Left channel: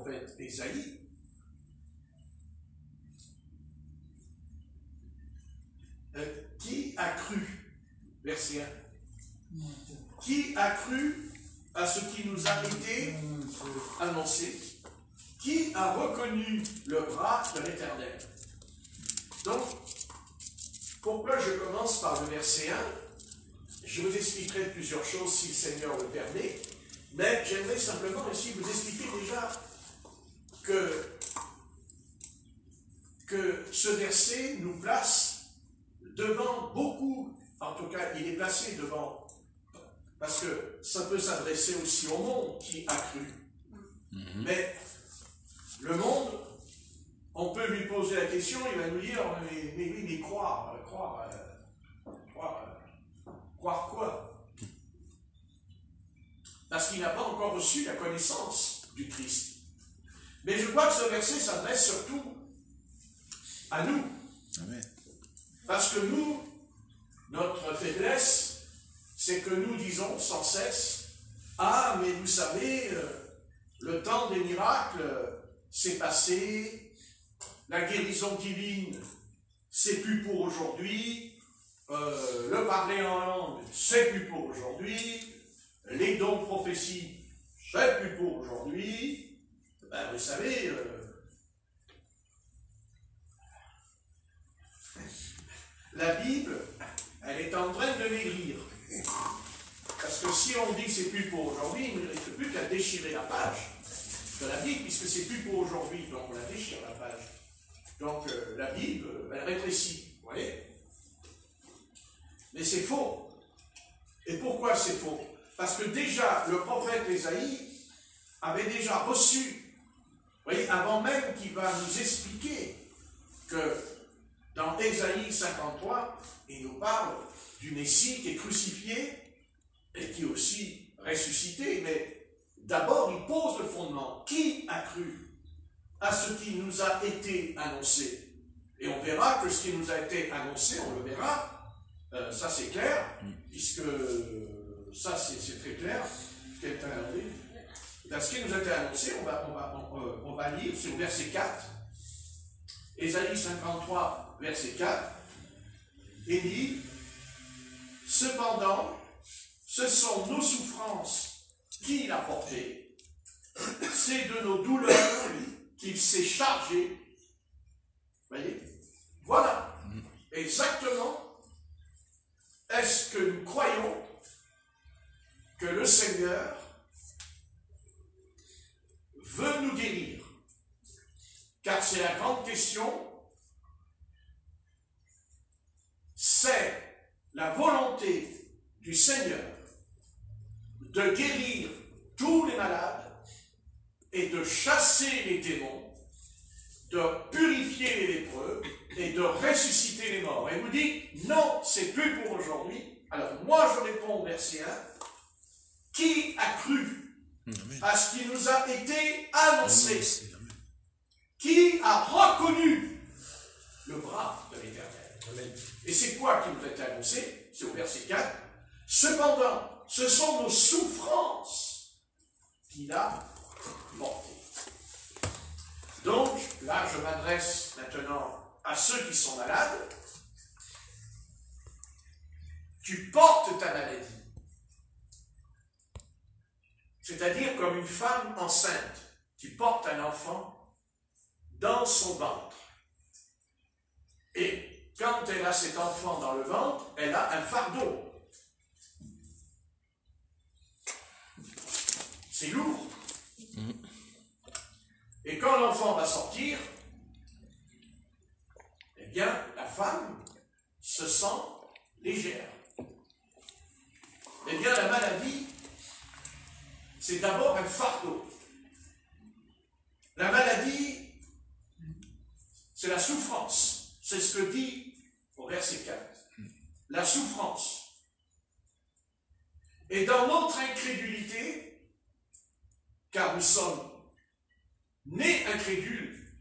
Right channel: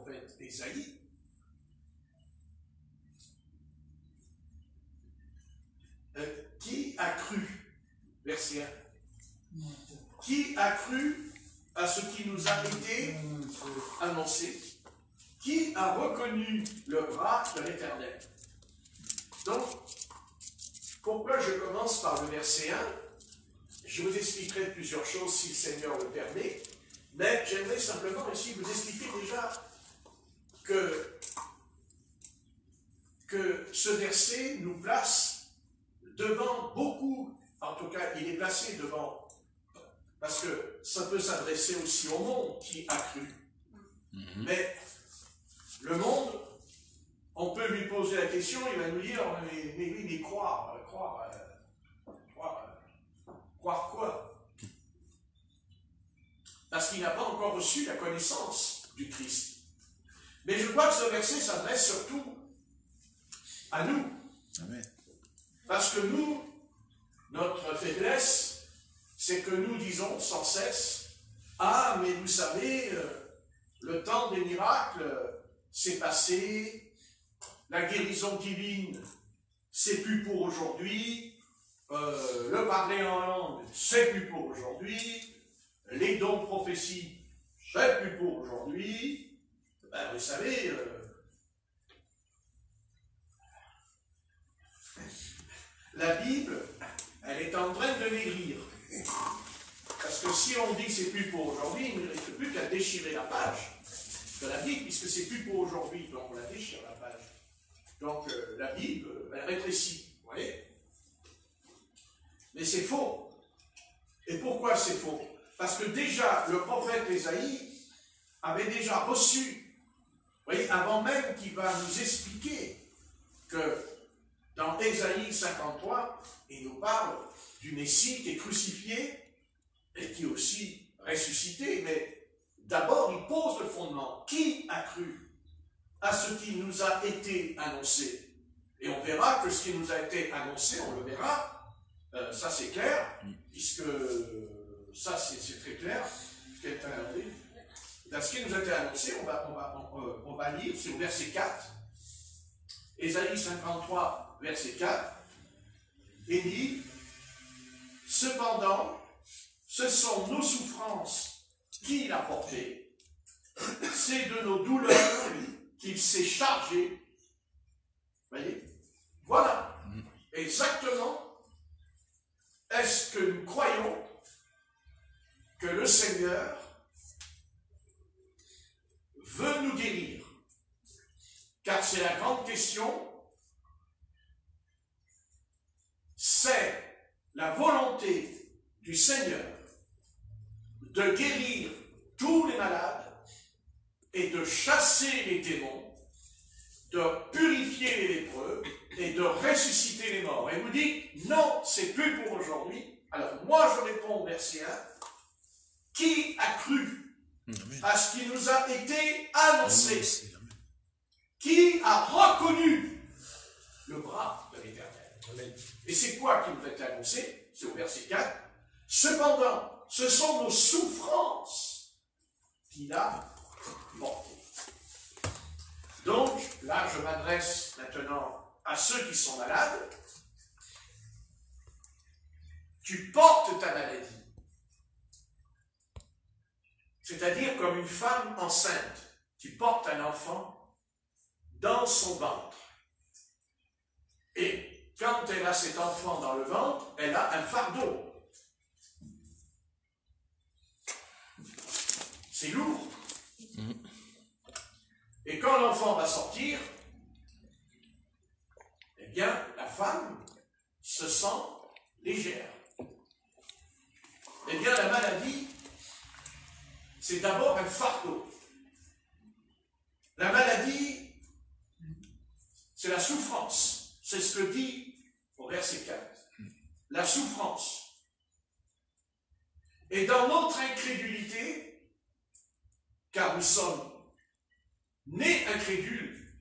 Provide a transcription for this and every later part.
prophète Ésaïe. Qui a cru, verset 1, qui a cru à ce qui nous a été annoncé? Qui a reconnu le bras de l'Éternel? Donc, pourquoi je commence par le verset 1? Je vous expliquerai plusieurs choses si le Seigneur le permet, mais j'aimerais simplement ici vous expliquer déjà que ce verset nous place devant beaucoup, en tout cas il est placé devant, parce que ça peut s'adresser aussi au monde qui a cru. Mais le monde, on peut lui poser la question, il va nous dire, mais croire quoi? Parce qu'il n'a pas encore reçu la connaissance du Christ. Mais je crois que ce verset s'adresse surtout à nous. Amen. Parce que nous, notre faiblesse, c'est que nous disons sans cesse, ah, mais vous savez, le temps des miracles, c'est passé, la guérison divine, c'est plus pour aujourd'hui, le parler en langue, c'est plus pour aujourd'hui, les dons de prophétie, c'est plus pour aujourd'hui. Ben, vous savez, la Bible, elle est en train de maigrir. Parce que si on dit que c'est plus pour aujourd'hui, il ne reste plus qu'à déchirer la page de la Bible, puisque c'est plus pour aujourd'hui, donc on la déchire la page. Donc la Bible, elle rétrécit, vous voyez? Mais c'est faux. Et pourquoi c'est faux? Parce que déjà, le prophète Ésaïe avait déjà reçu, vous voyez, avant même qu'il va nous expliquer que dans Ésaïe 53, il nous parle du Messie qui est crucifié et qui est aussi ressuscité, mais d'abord il pose le fondement. Qui a cru à ce qui nous a été annoncé? Et on verra que ce qui nous a été annoncé, on le verra, ça c'est clair, puisque ça c'est très clair, dans ce qui nous a été annoncé, on va lire, c'est au verset 4, Ésaïe 53, verset 4, il dit, « Cependant, ce sont nos souffrances qu'il a portées, c'est de nos douleurs qu'il s'est chargé. » Voyez, voilà exactement est-ce que nous croyons que le Seigneur veut nous guérir. Car c'est la grande question, c'est la volonté du Seigneur de guérir tous les malades et de chasser les démons, de purifier les lépreux et de ressusciter les morts. Et il nous dit, non, c'est plus pour aujourd'hui. Alors moi je réponds au verset 1, qui a cru à ce qui nous a été annoncé? Qui a reconnu le bras de l'Éternel? Et c'est quoi qui nous a été annoncé? C'est au verset 4. Cependant, ce sont nos souffrances qu'il a portées. Donc, là, je m'adresse maintenant à ceux qui sont malades. Tu portes ta maladie. C'est-à-dire comme une femme enceinte qui porte un enfant dans son ventre. Et quand elle a cet enfant dans le ventre, elle a un fardeau. C'est lourd. Et quand l'enfant va sortir, eh bien, la femme se sent légère. Eh bien, la maladie, c'est d'abord un fardeau. La maladie, c'est la souffrance. C'est ce que dit au verset 4. La souffrance. Et dans notre incrédulité, car nous sommes nés incrédules,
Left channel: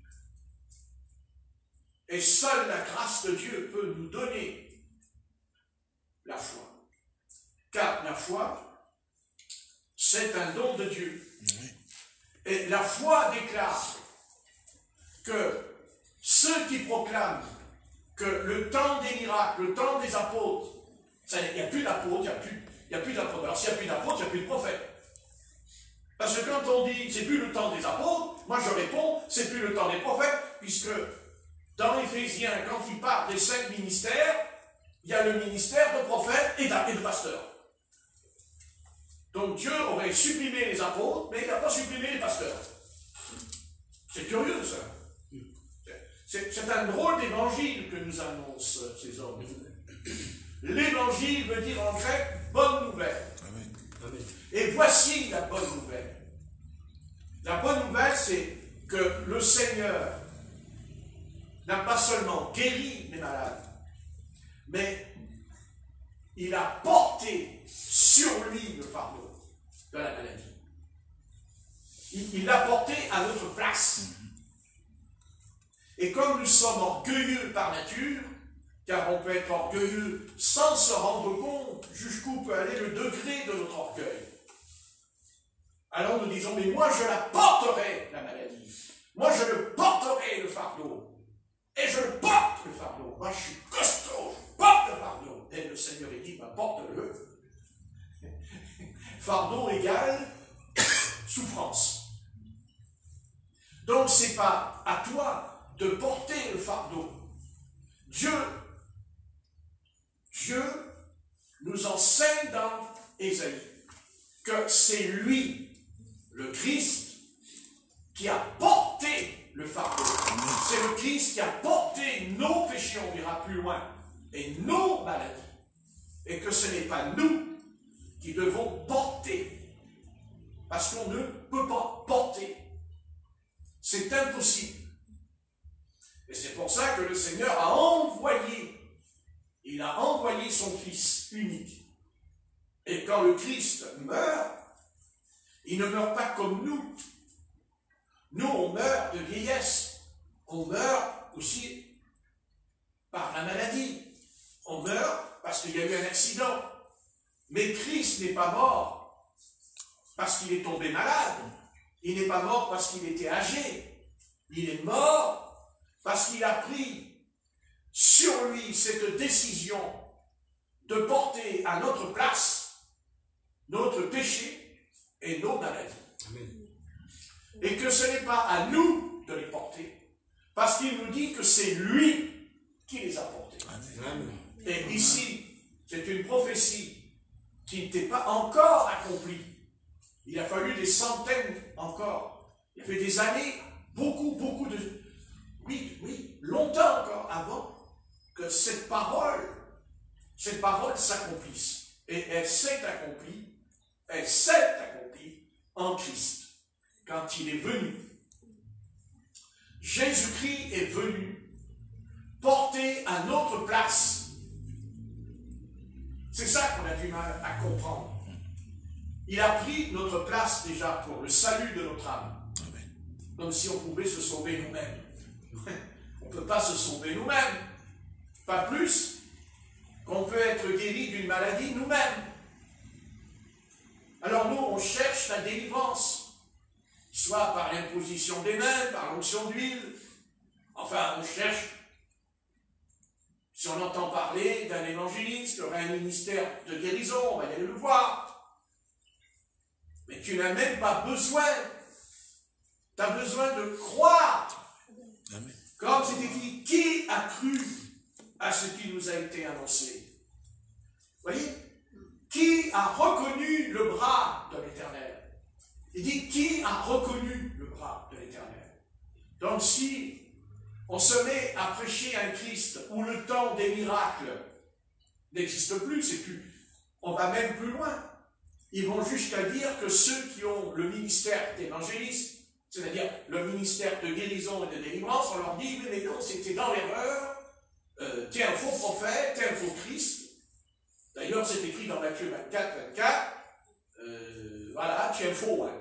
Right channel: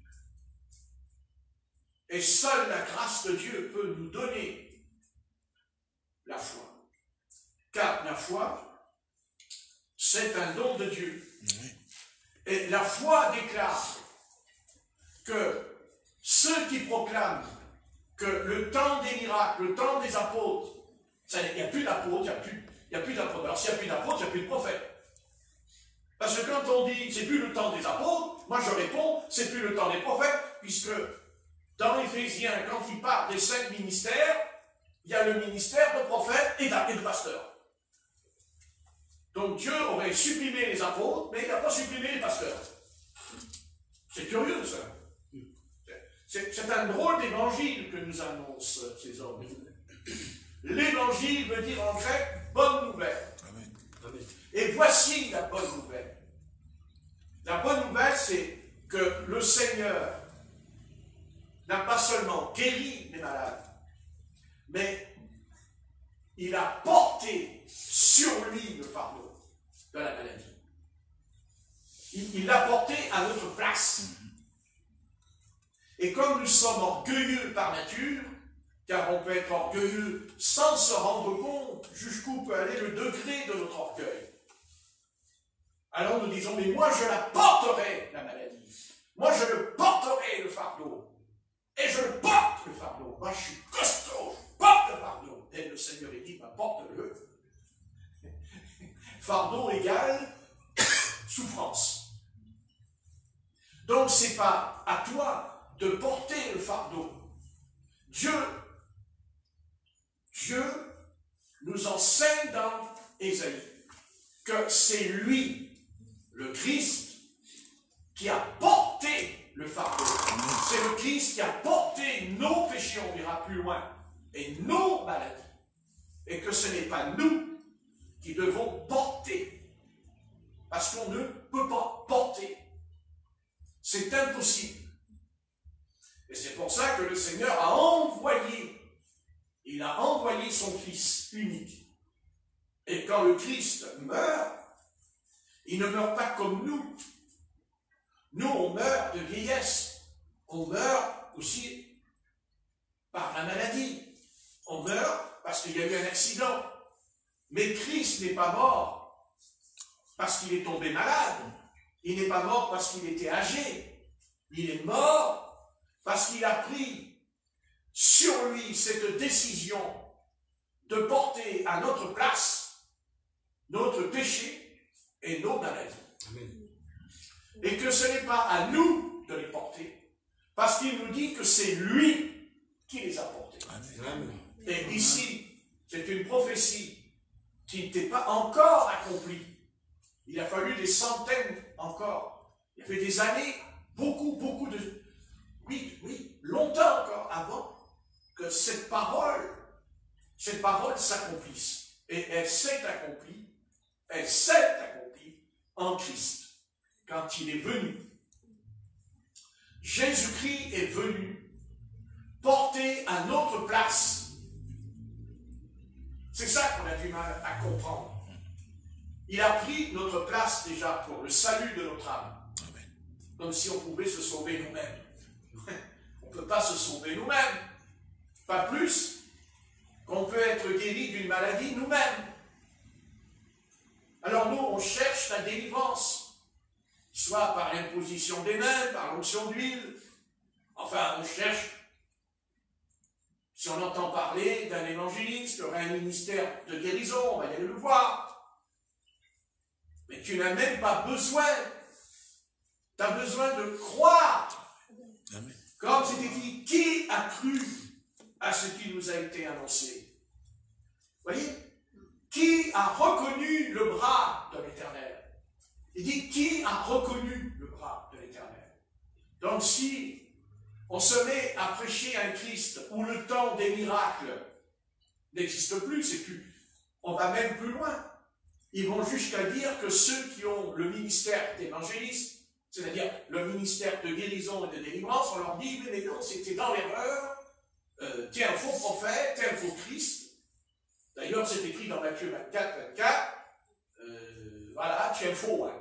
et seule la grâce de Dieu peut nous donner la foi. Car la foi, c'est un don de Dieu. Et la foi déclare que ceux qui proclament que le temps des miracles, le temps des apôtres, il n'y a plus d'apôtres, il n'y a plus d'apôtres. Alors s'il n'y a plus d'apôtres, il n'y a plus de prophètes. Parce que quand on dit c'est plus le temps des apôtres, moi je réponds c'est plus le temps des prophètes, puisque dans Éphésiens, quand il parle des 5 ministères, il y a le ministère de prophète et de pasteur. Donc Dieu aurait supprimé les apôtres, mais il n'a pas supprimé les pasteurs. C'est curieux ça. C'est un drôle d'évangile que nous annoncent ces hommes. L'évangile veut dire en grec bonne nouvelle. Et voici la bonne nouvelle. La bonne nouvelle, c'est que le Seigneur n'a pas seulement guéri les malades, mais il a porté sur lui le fardeau de la maladie. Il l'a porté à notre place. Et comme nous sommes orgueilleux par nature, car on peut être orgueilleux sans se rendre compte jusqu'où peut aller le degré de notre orgueil. Alors nous disons, mais moi je la porterai, la maladie. Moi je le porterai, le fardeau. Et je le porte, le fardeau. Moi je suis costaud, je porte le fardeau. Et le Seigneur il dit, bah, porte-le. Fardeau égale souffrance. Donc c'est pas à toi de porter le fardeau. Dieu nous enseigne dans Ésaïe que c'est lui, le Christ, qui a porté le fardeau. C'est le Christ qui a porté nos péchés, on verra plus loin, et nos maladies. Et que ce n'est pas nous qui devons porter, parce qu'on ne peut pas porter. C'est impossible. Et c'est pour ça que le Seigneur a envoyé, il a envoyé son Fils unique. Et quand le Christ meurt, il ne meurt pas comme nous. Nous, on meurt de vieillesse. On meurt aussi par la maladie. On meurt parce qu'il y a eu un accident. Mais Christ n'est pas mort parce qu'il est tombé malade. Il n'est pas mort parce qu'il était âgé. Il est mort parce qu'il a pris sur lui cette décision de porter à notre place notre péché et nos maladies. Amen. Et que ce n'est pas à nous de les porter, parce qu'il nous dit que c'est lui qui les a portés. Amen. Et ici, c'est une prophétie qui n'était pas encore accomplie. Il a fallu des centaines encore. Il y avait des années, beaucoup de... Oui, longtemps encore avant que cette parole s'accomplisse. Et elle s'est accomplie en Christ, quand il est venu. Jésus-Christ est venu porter à notre place. C'est ça qu'on a du mal à comprendre. Il a pris notre place déjà pour le salut de notre âme. Comme si on pouvait se sauver nous-mêmes. On ne peut pas se sauver nous-mêmes. Pas plus qu'on peut être guéri d'une maladie nous-mêmes. Alors nous, on cherche la délivrance, soit par l'imposition des mains, par l'onction d'huile. Enfin, on cherche, si on entend parler d'un évangéliste qui aurait un ministère de guérison, on va y aller le voir. Mais tu n'as même pas besoin. Tu as besoin de croire. Amen. Comme c'était dit, qui a cru à ce qui nous a été annoncé? Vous voyez? Qui a reconnu le bras de l'Éternel? Il dit, qui a reconnu le bras de l'Éternel? Donc si on se met à prêcher un Christ où le temps des miracles n'existe plus, c'est plus, on va même plus loin. Ils vont jusqu'à dire que ceux qui ont le ministère d'évangéliste, c'est-à-dire le ministère de guérison et de délivrance, on leur dit, mais non, c'était dans l'erreur, t'es un faux prophète, t'es un faux Christ. D'ailleurs, c'est écrit dans Matthieu 24, voilà, tu es faux. Hein.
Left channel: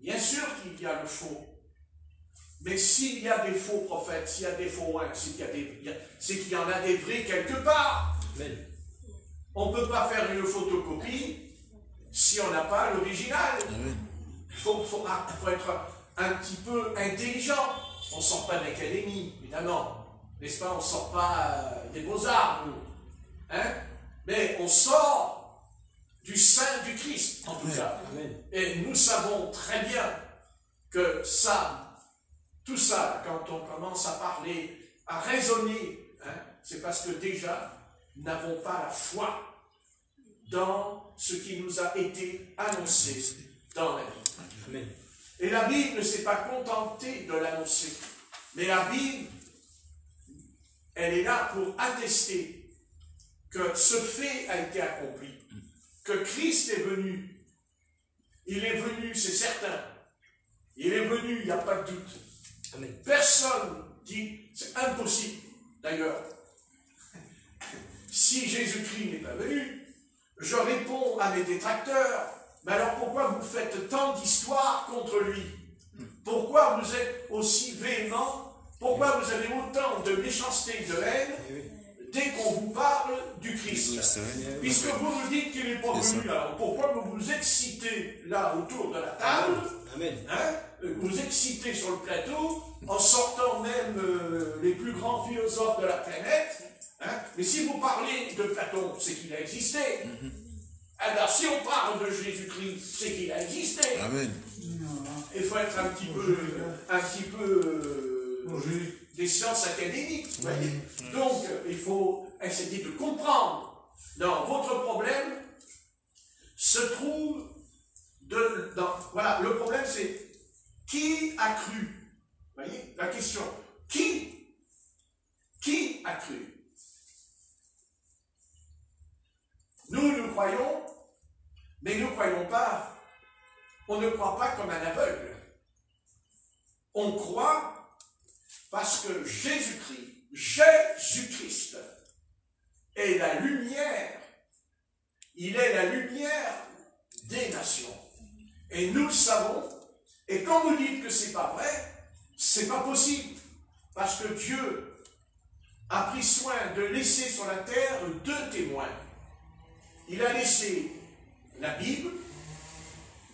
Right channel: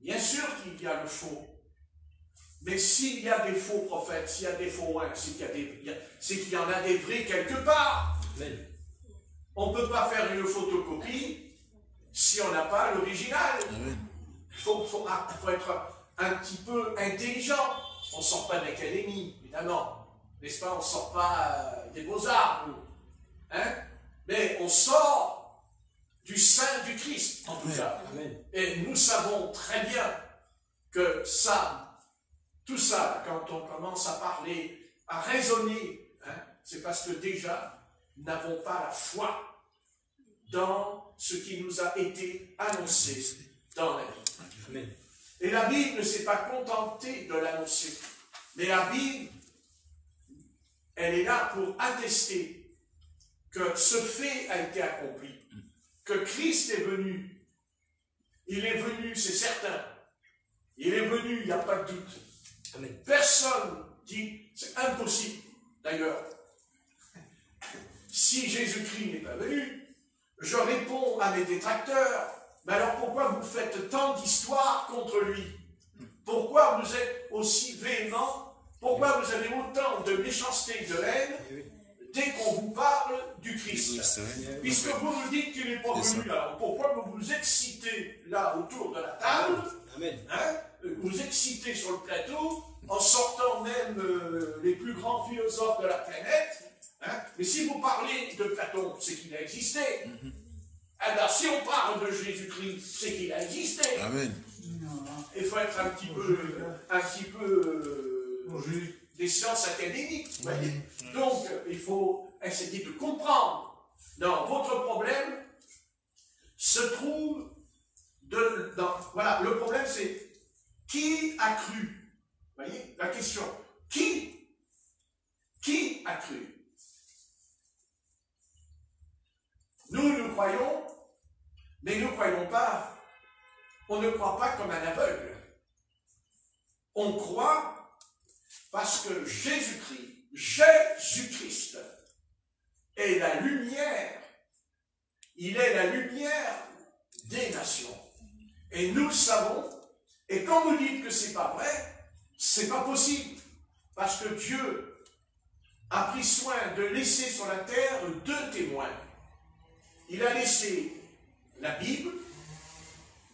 Bien sûr qu'il y a le faux. Mais s'il y a des faux prophètes, s'il y a des faux c'est qu'il y en a des vrais quelque part. Amen. On ne peut pas faire une photocopie si on n'a pas l'original. Il faut être un petit peu intelligent. On ne sort pas de l'académie, évidemment. N'est-ce pas? On ne sort pas des beaux-arts, nous. Hein? Mais on sort du sein du Christ, en tout cas. Et nous savons très bien que ça, tout ça, quand on commence à parler, à raisonner, hein, c'est parce que déjà, nous n'avons pas la foi dans ce qui nous a été annoncé dans la Bible. Et la Bible ne s'est pas contentée de l'annoncer, mais la Bible, elle est là pour attester que ce fait a été accompli, que Christ est venu. Il est venu, c'est certain. Il est venu, il n'y a pas de doute. Amen. Personne dit, c'est impossible. D'ailleurs, si Jésus-Christ n'est pas venu, je réponds à mes détracteurs, mais alors pourquoi vous faites tant d'histoires contre lui? Pourquoi vous êtes aussi véhément? Pourquoi vous avez autant de méchanceté et de haine dès qu'on vous parle du Christ? Puisque vous nous dites qu'il n'est pas venu, alors pourquoi vous vous excitez là autour de la table? Hein? Vous excitez sur le plateau, en sortant même les plus grands philosophes de la planète. Hein? Mais si vous parlez de Platon, c'est qu'il a existé. Alors si on parle de Jésus-Christ, c'est qu'il a existé. Amen. Il faut être un petit peu des sciences académiques. Donc, il faut essayer de comprendre. Non, votre problème se trouve voilà, le problème c'est qui a cru? Vous voyez, la question, qui a cru? Nous croyons, mais nous ne croyons pas. On ne croit pas comme un aveugle. On croit parce que Jésus-Christ est la lumière. Il est la lumière des nations. Et nous le savons. Et quand vous dites que ce n'est pas vrai, c'est pas possible. Parce que Dieu a pris soin de laisser sur la terre 2 témoins. Il a laissé la Bible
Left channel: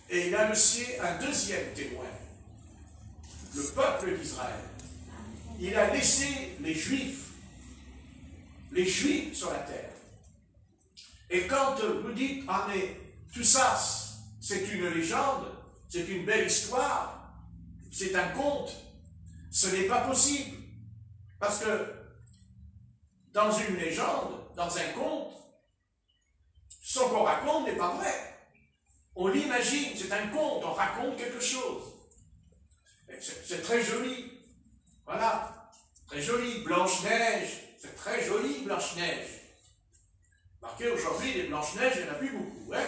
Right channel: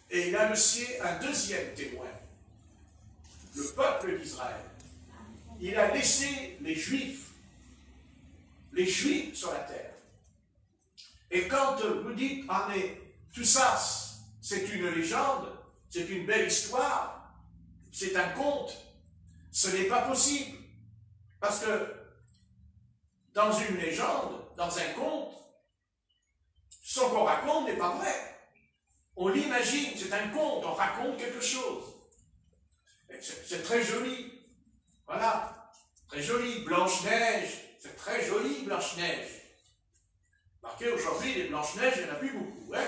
et il a laissé un 2e témoin, le peuple d'Israël. Il a laissé les Juifs sur la terre. Et quand vous dites, ah mais tout ça, c'est une légende, c'est une belle histoire, c'est un conte, ce n'est pas possible. Parce que dans une légende, dans un conte, ce qu'on raconte n'est pas vrai. On l'imagine, c'est un conte, on raconte quelque chose. C'est très joli. Voilà, très joli. Blanche-Neige, c'est très joli, Blanche-Neige. Remarquez, aujourd'hui, les Blanches-Neiges, il n'y en a plus beaucoup. Hein?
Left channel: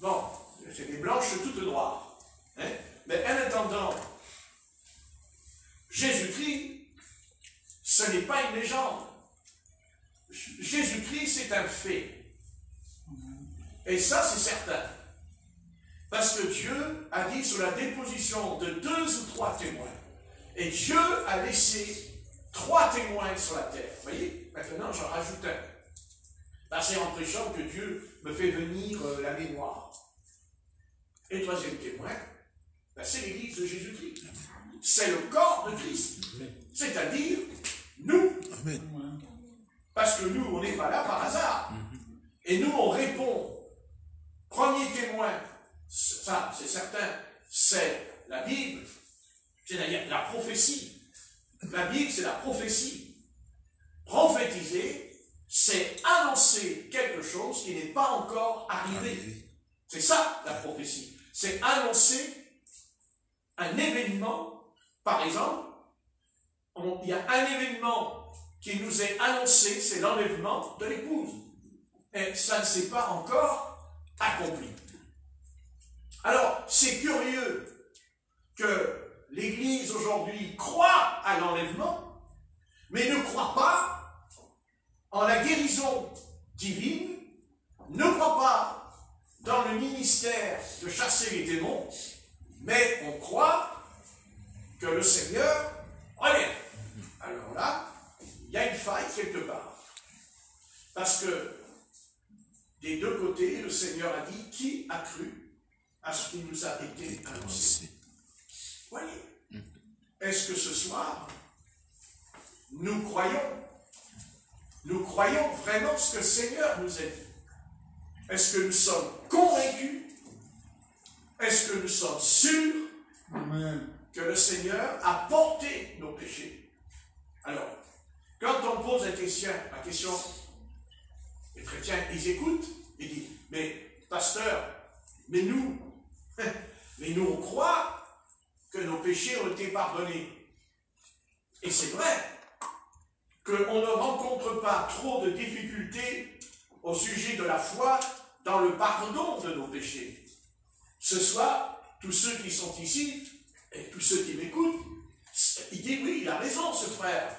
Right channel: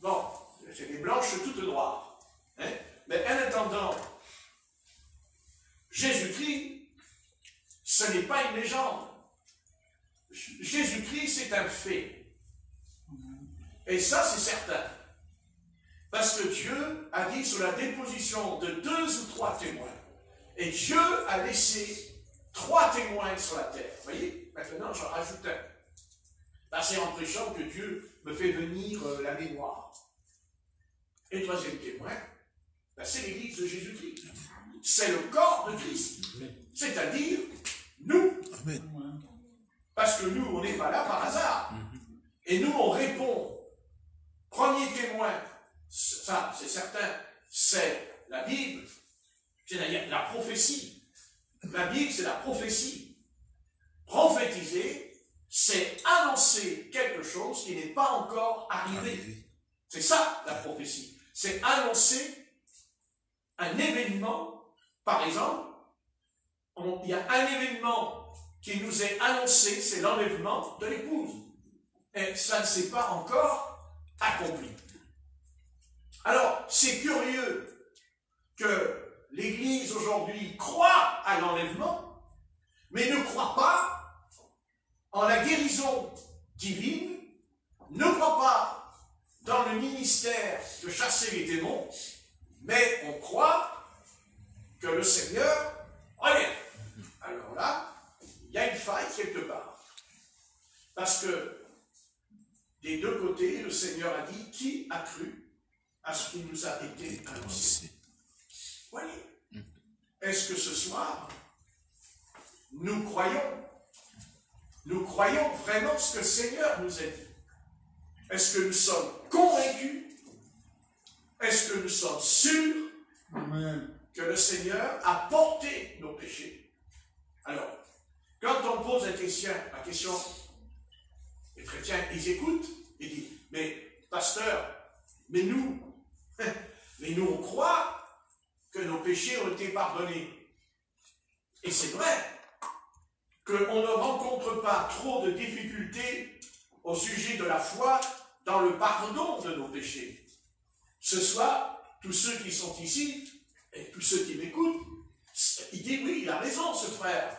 Bon, c'est des blanches toutes noires. Hein? Mais en attendant, Jésus-Christ, ce n'est pas une légende. Jésus-Christ, c'est un fait. Et ça, c'est certain. Parce que Dieu a dit sur la déposition de 2 ou 3 témoins. Et Dieu a laissé 3 témoins sur la terre. Vous voyez, maintenant, j'en rajoute un. Là, c'est en prêchant que Dieu me fait venir la mémoire. Et le 3e témoin, ben, c'est l'Église de Jésus-Christ. C'est le corps de Christ. C'est-à-dire, nous. Parce que nous, on n'est pas là par hasard. Et nous, on répond. Premier témoin, ça, c'est certain, c'est la Bible, c'est la prophétie. La Bible, c'est la prophétie. Prophétiser, c'est annoncer quelque chose qui n'est pas encore arrivé. C'est ça, la prophétie. C'est annoncer un événement. Par exemple, il y a un événement qui nous est annoncé, c'est l'enlèvement de l'épouse. Et ça ne s'est pas encore accompli. Alors, c'est curieux que l'Église aujourd'hui croit à l'enlèvement, mais ne croit pas en la guérison divine, ne croit pas dans le ministère de chasser les démons, mais on croit que le Seigneur revient. Alors là, il y a une faille quelque part. Parce que des deux côtés, le Seigneur a dit, qui a cru à ce qui nous a été annoncé? Voyez, est-ce que ce soir, nous croyons vraiment ce que le Seigneur nous a dit? Est-ce que nous sommes convaincus? Est-ce que nous sommes sûrs que le Seigneur a porté nos péchés? Alors, quand on pose la question, les chrétiens, ils écoutent, ils disent, mais pasteur, mais nous on croit que nos péchés ont été pardonnés. Et c'est vrai qu'on ne rencontre pas trop de difficultés au sujet de la foi dans le pardon de nos péchés. Ce soir, tous ceux qui sont ici, et tous ceux qui m'écoutent, ils disent, oui, il a raison ce frère.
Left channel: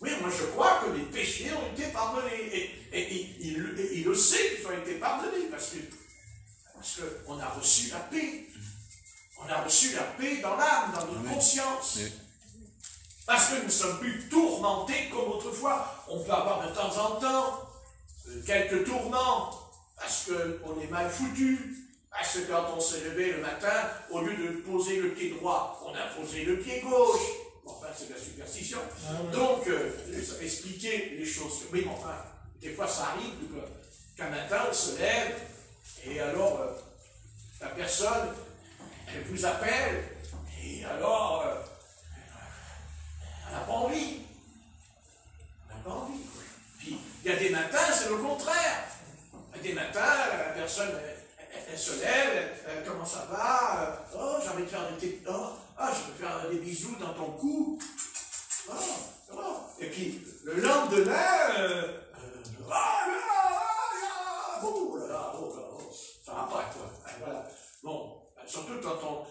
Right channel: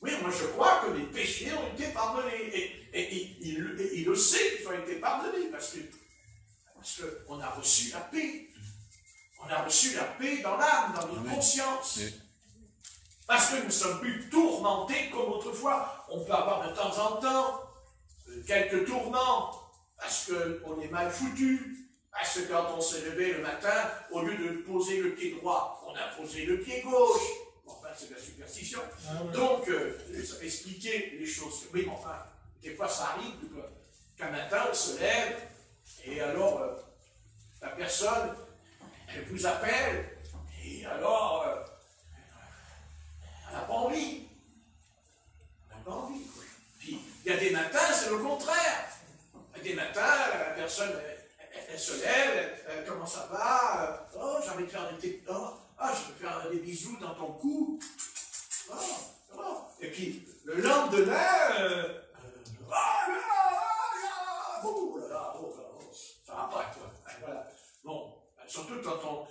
Oui, moi je crois que les péchés ont été pardonnés. Et il le sait qu'ils ont été pardonnés, parce qu'on a reçu la paix. On a reçu la paix dans l'âme, dans notre conscience. Parce que nous ne sommes plus tourmentés comme autrefois. On peut avoir de temps en temps quelques tourments, parce qu'on est mal foutu. Parce que quand on s'est levé le matin, au lieu de poser le pied droit, on a posé le pied gauche. Bon, enfin, c'est de la superstition. Donc, ça va expliquer les choses. Oui, mais enfin, des fois, ça arrive qu'un matin, on se lève, et alors, la personne, elle vous appelle, et alors, elle n'a pas envie. Elle n'a pas envie. Puis, il y a des matins, c'est le contraire. Il y a des matins, la personne, elle se lève, comment ça va? Oh, j'ai envie de faire des petites... je vais faire des bisous dans ton cou. Et puis, le lendemain, ça va pas, quoi. Voilà. Bon, surtout quand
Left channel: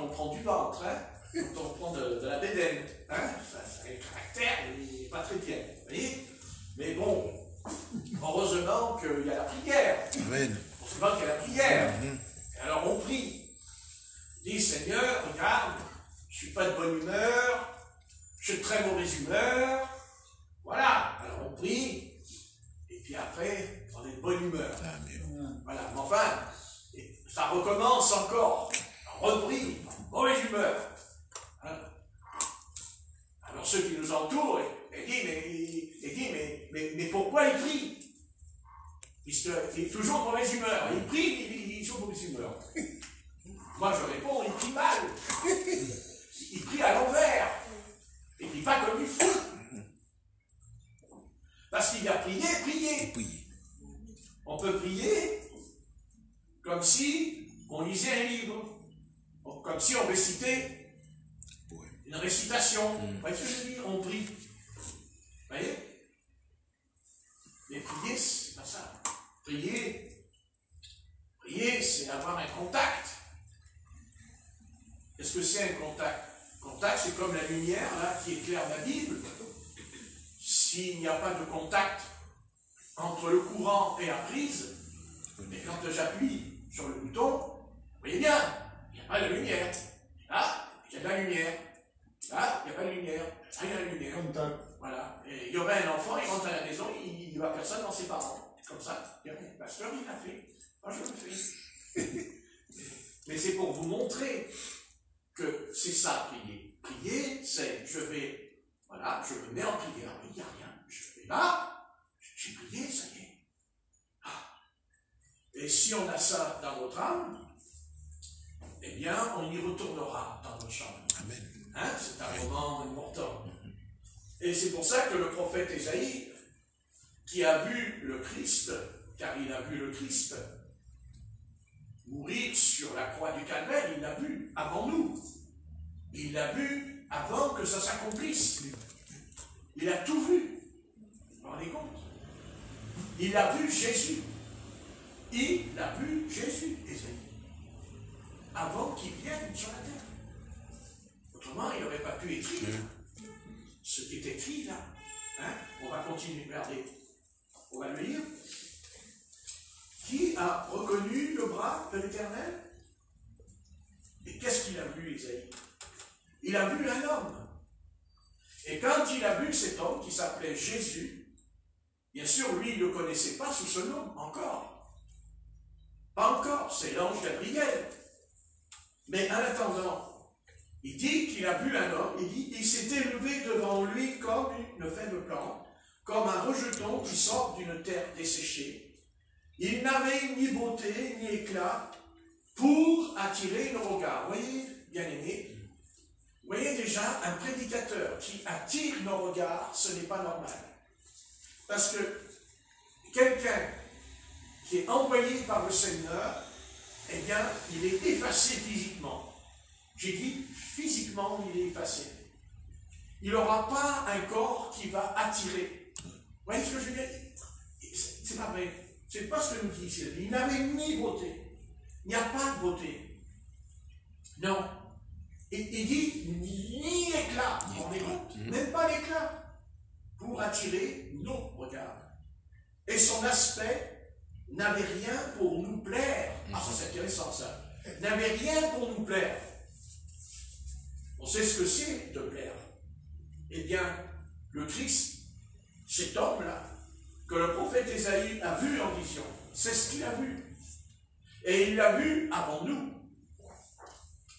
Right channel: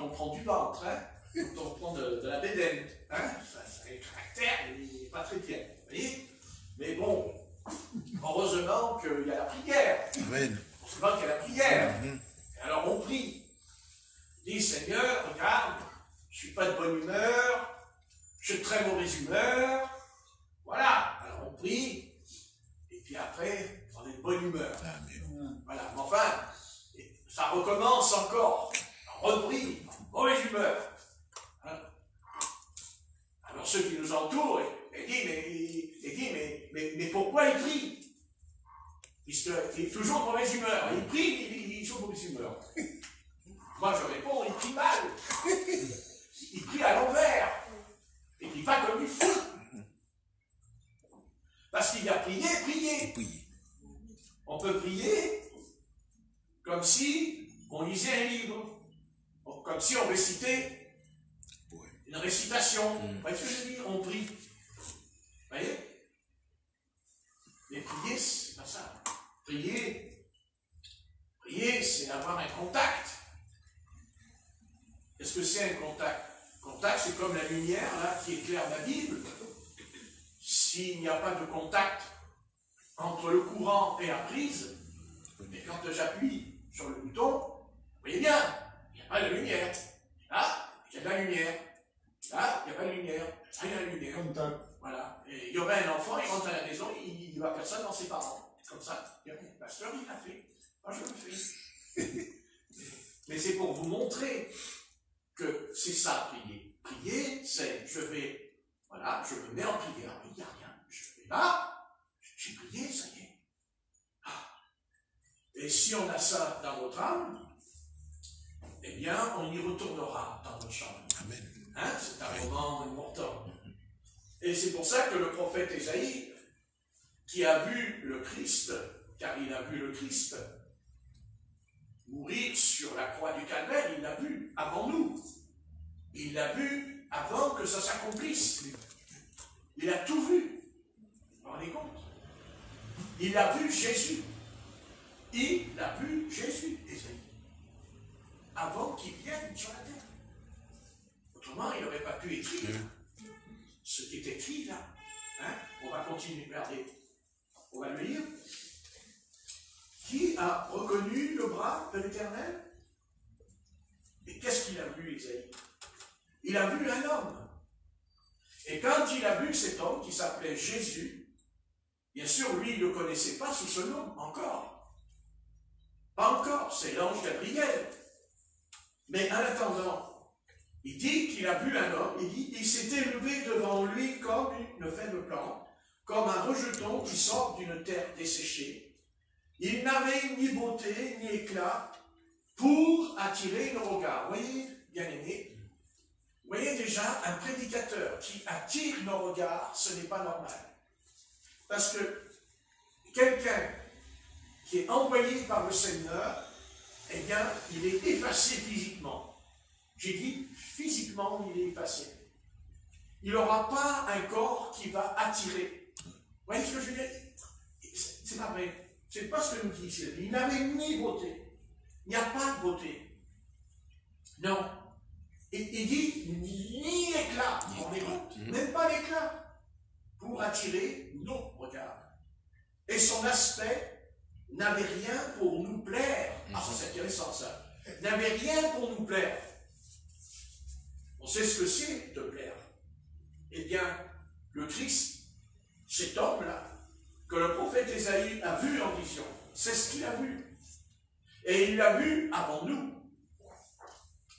on prend du ventre, hein, quand on prend de la bédaine. Hein, ça, le caractère, il n'est pas très bien. Vous voyez? Mais bon, heureusement qu'il y a la prière. Amen. Heureusement qu'il y a la prière. Et alors on prie. On dit, Seigneur, regarde, je ne suis pas de bonne humeur, je suis de très mauvaise humeur. Voilà. Alors on prie, et puis après, on est de bonne humeur. Amen. Voilà. Mais enfin, ça recommence encore. On reprie, mauvaise humeur. Hein? Alors ceux qui nous entourent, mais pourquoi il prie? Puisqu'il est toujours de mauvaise humeur. Il prie, il est toujours de mauvaise humeur. Moi je réponds, il prie mal. Il prie à l'envers. Il prie pas comme il faut. Parce qu'il a prié. On peut prier comme si on lisait un livre. Comme si on récitait une récitation. Vous voyez ce que je veux dire? On prie. Vous voyez? Mais prier, c'est pas ça. Prier, c'est avoir un contact. Qu'est-ce que c'est un contact? Contact, c'est comme la lumière là, qui éclaire la Bible. S'il n'y a pas de contact entre le courant et la prise, et quand j'appuie sur le bouton, vous voyez bien, il n'y a pas de lumière. Là, il y a de la lumière. Là, il n'y a pas de lumière. Là, il y a de la lumière. Contact. Voilà. Et il y aurait un enfant, il rentre à la maison, il ne voit personne dans ses parents. Comme ça. Le pasteur, il l'a fait. Moi, je le fais. Mais c'est pour vous montrer que c'est ça, prier. Prier, c'est, je me mets en prière. Il n'y a rien. Je vais là, j'ai prié, ça y est. Et si on a ça dans notre âme, eh bien, on y retournera dans notre chambre. Hein? C'est un moment important. Et c'est pour ça que le prophète Ésaïe, qui a vu le Christ, car il a vu le Christ mourir sur la croix du Calvaire, il l'a vu avant nous. Il l'a vu avant que ça s'accomplisse. Il a tout vu. Vous vous rendez compte? Il a vu Jésus. Il a vu Jésus, Ésaïe, avant qu'il vienne sur la terre. Autrement, il n'aurait pas pu écrire ce qui est écrit là. Hein? On va continuer, regardez. On va le lire. Qui a reconnu le bras de l'Éternel? Et qu'est-ce qu'il a vu, Ésaïe? Il a vu un homme. Et quand il a vu cet homme qui s'appelait Jésus, bien sûr, lui, il ne le connaissait pas sous ce nom encore. Pas encore, c'est l'ange Gabriel. Mais en attendant, il dit qu'il a vu un homme, il dit, il s'est élevé devant lui comme une faible plante, comme un rejeton qui sort d'une terre desséchée. Il n'avait ni beauté, ni éclat pour attirer le regard. Vous voyez, bien-aimés, vous voyez déjà, un prédicateur qui attire nos regards, ce n'est pas normal. Parce que quelqu'un qui est envoyé par le Seigneur, eh bien, il est effacé physiquement. J'ai dit, physiquement, il est effacé. Il n'aura pas un corps qui va attirer. Vous voyez ce que je veux dire? C'est pas vrai. C'est pas ce que nous dit ici. Il n'avait ni beauté. Il n'y a pas de beauté. Non. Il dit, ni éclat. Même pas l'éclat. Pour attirer nos regards. Et son aspect n'avait rien pour nous plaire. Ah, ça c'est intéressant ça. N'avait rien pour nous plaire. On sait ce que c'est de plaire. Eh bien, le Christ, cet homme-là, que le prophète Ésaïe a vu en vision, c'est ce qu'il a vu. Et il l'a vu avant nous.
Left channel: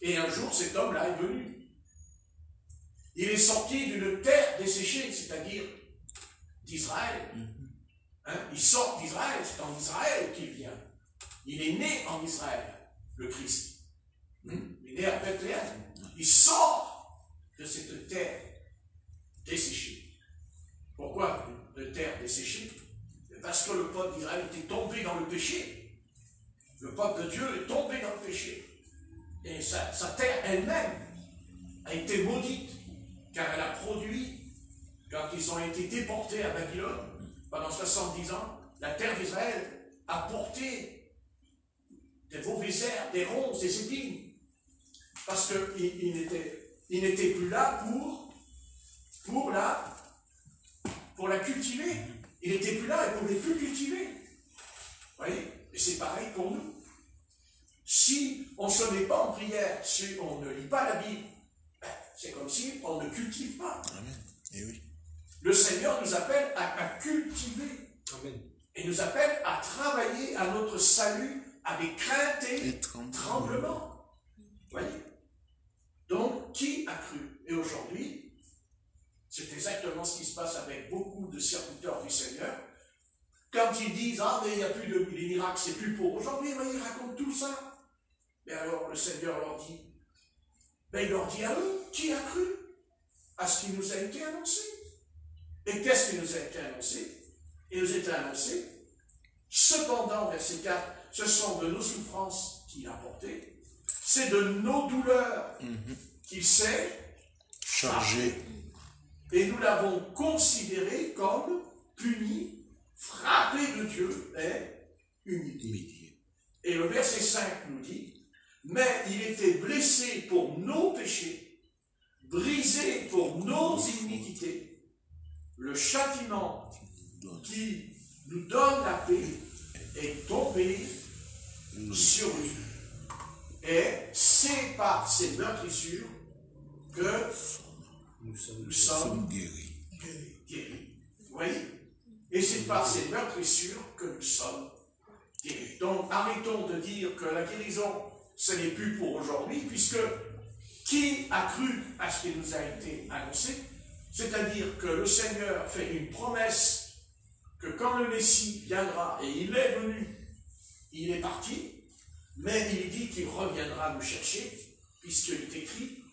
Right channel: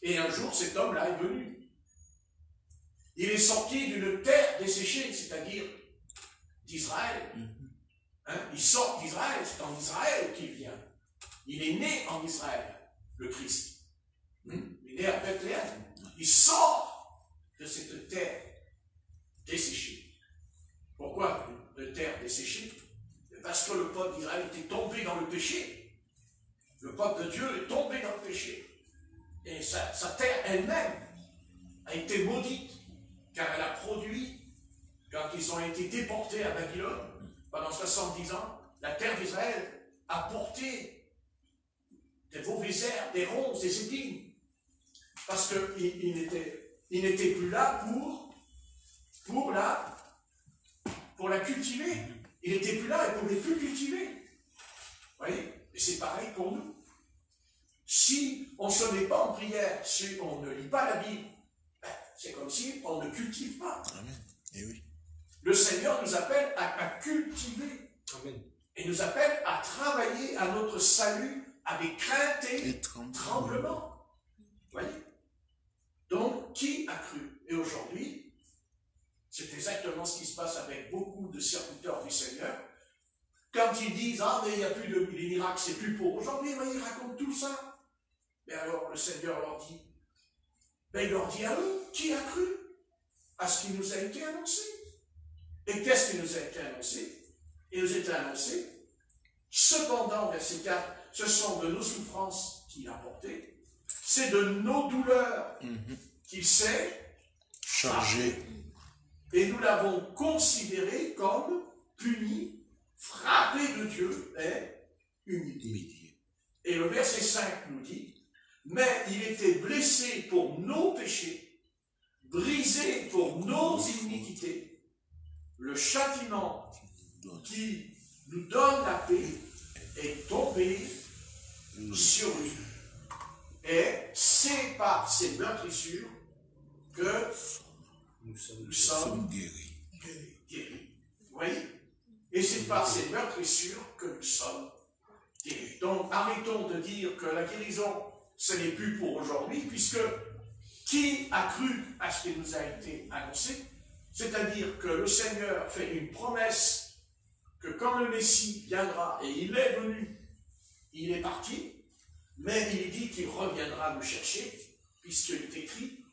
Et un jour, cet homme-là est venu. Il est sorti d'une terre desséchée, c'est-à-dire d'Israël. Hein? Il sort d'Israël, c'est en Israël qu'il vient. Il est né en Israël, le Christ. Il est né à Bethléem. Il sort de cette terre desséchée. Pourquoi de terre desséchée? Parce que le peuple d'Israël était tombé dans le péché. Le peuple de Dieu est tombé dans le péché. Et sa terre elle-même a été maudite, car elle a produit, quand ils ont été déportés à Babylone, pendant 70 ans, la terre d'Israël a porté des mauvaises herbes, des ronces, des épines. Parce qu'il n'était plus là pour la cultiver. Il n'était plus là, il ne pouvait plus cultiver. Vous voyez? Et c'est pareil pour nous. Si on ne se met pas en prière, si on ne lit pas la Bible, c'est comme si on ne cultive pas. Amen. Et oui. Le Seigneur nous appelle à cultiver. Amen. Et nous appelle à travailler à notre salut avec crainte et tremblement. Vous voyez? Donc, qui a cru? Et aujourd'hui, c'est exactement ce qui se passe avec beaucoup de serviteurs du Seigneur. Quand ils disent, ah, mais il n'y a plus de miracles, c'est plus pour aujourd'hui, mais ils racontent tout ça. Et alors, le Seigneur leur dit, ben, il leur dit à eux, qui a cru à ce qui nous a été annoncé? Et qu'est-ce qui nous a été annoncé? Il nous a été annoncé. Cependant, verset 4, ce sont de nos souffrances qu'il a porté, c'est de nos douleurs qu'il s'est chargé. Et nous l'avons considéré comme puni, frappé de Dieu et humilié. Et le verset 5 nous dit, mais il était blessé pour nos péchés, brisé pour nos iniquités. Le châtiment qui nous donne la paix est tombé sur lui. Et c'est par ces meurtrissures que nous sommes guéris. Vous voyez? Et c'est par ces meurtrissures que nous sommes guéris. Donc arrêtons de dire que la guérison, ce n'est plus pour aujourd'hui, puisque qui a cru à ce qui nous a été annoncé? C'est-à-dire que le Seigneur fait une promesse que quand le Messie viendra, et il est venu, il est parti, mais il dit qu'il reviendra nous chercher, puisqu'il est écrit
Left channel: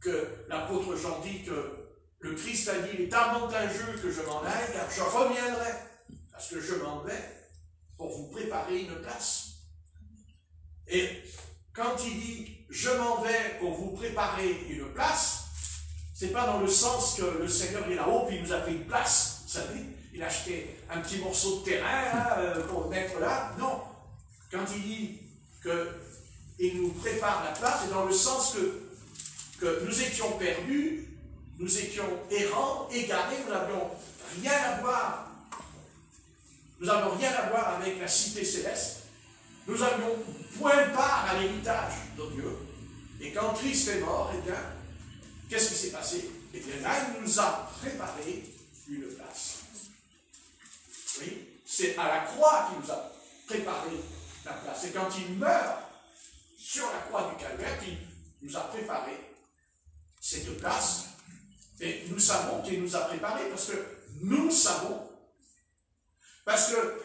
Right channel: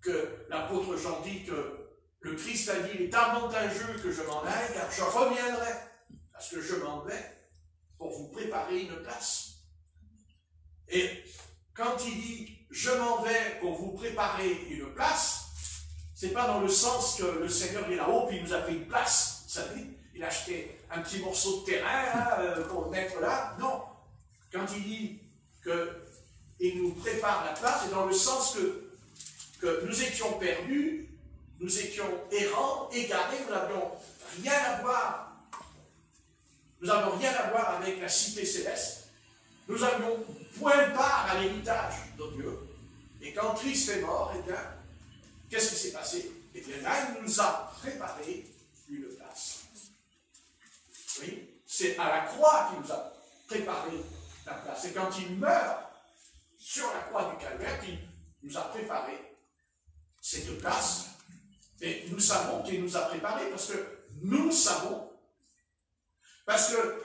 que l'apôtre Jean dit que le Christ a dit, il est avantageux que je m'en aille, car je reviendrai, parce que je m'en vais pour vous préparer une place. Et quand il dit, je m'en vais pour vous préparer une place, c'est pas dans le sens que le Seigneur est là-haut, puis il nous a pris une place, vous savez, il a acheté un petit morceau de terrain là, pour le mettre là. Non. Quand il dit qu'il nous prépare la place, c'est dans le sens que nous étions perdus, nous étions errants, égarés, nous n'avions rien à voir. Nous n'avions rien à voir avec la cité céleste. Nous n'avions point part à l'héritage de Dieu. Et quand Christ est mort, eh bien, qu'est-ce qui s'est passé? Eh bien là, il nous a préparé une place. Oui, c'est à la croix qu'il nous a préparé la place. Et quand il meurt sur la croix du calvaire, qu'il nous a préparé cette place, et nous savons qu'il nous a préparé, parce que nous savons, parce que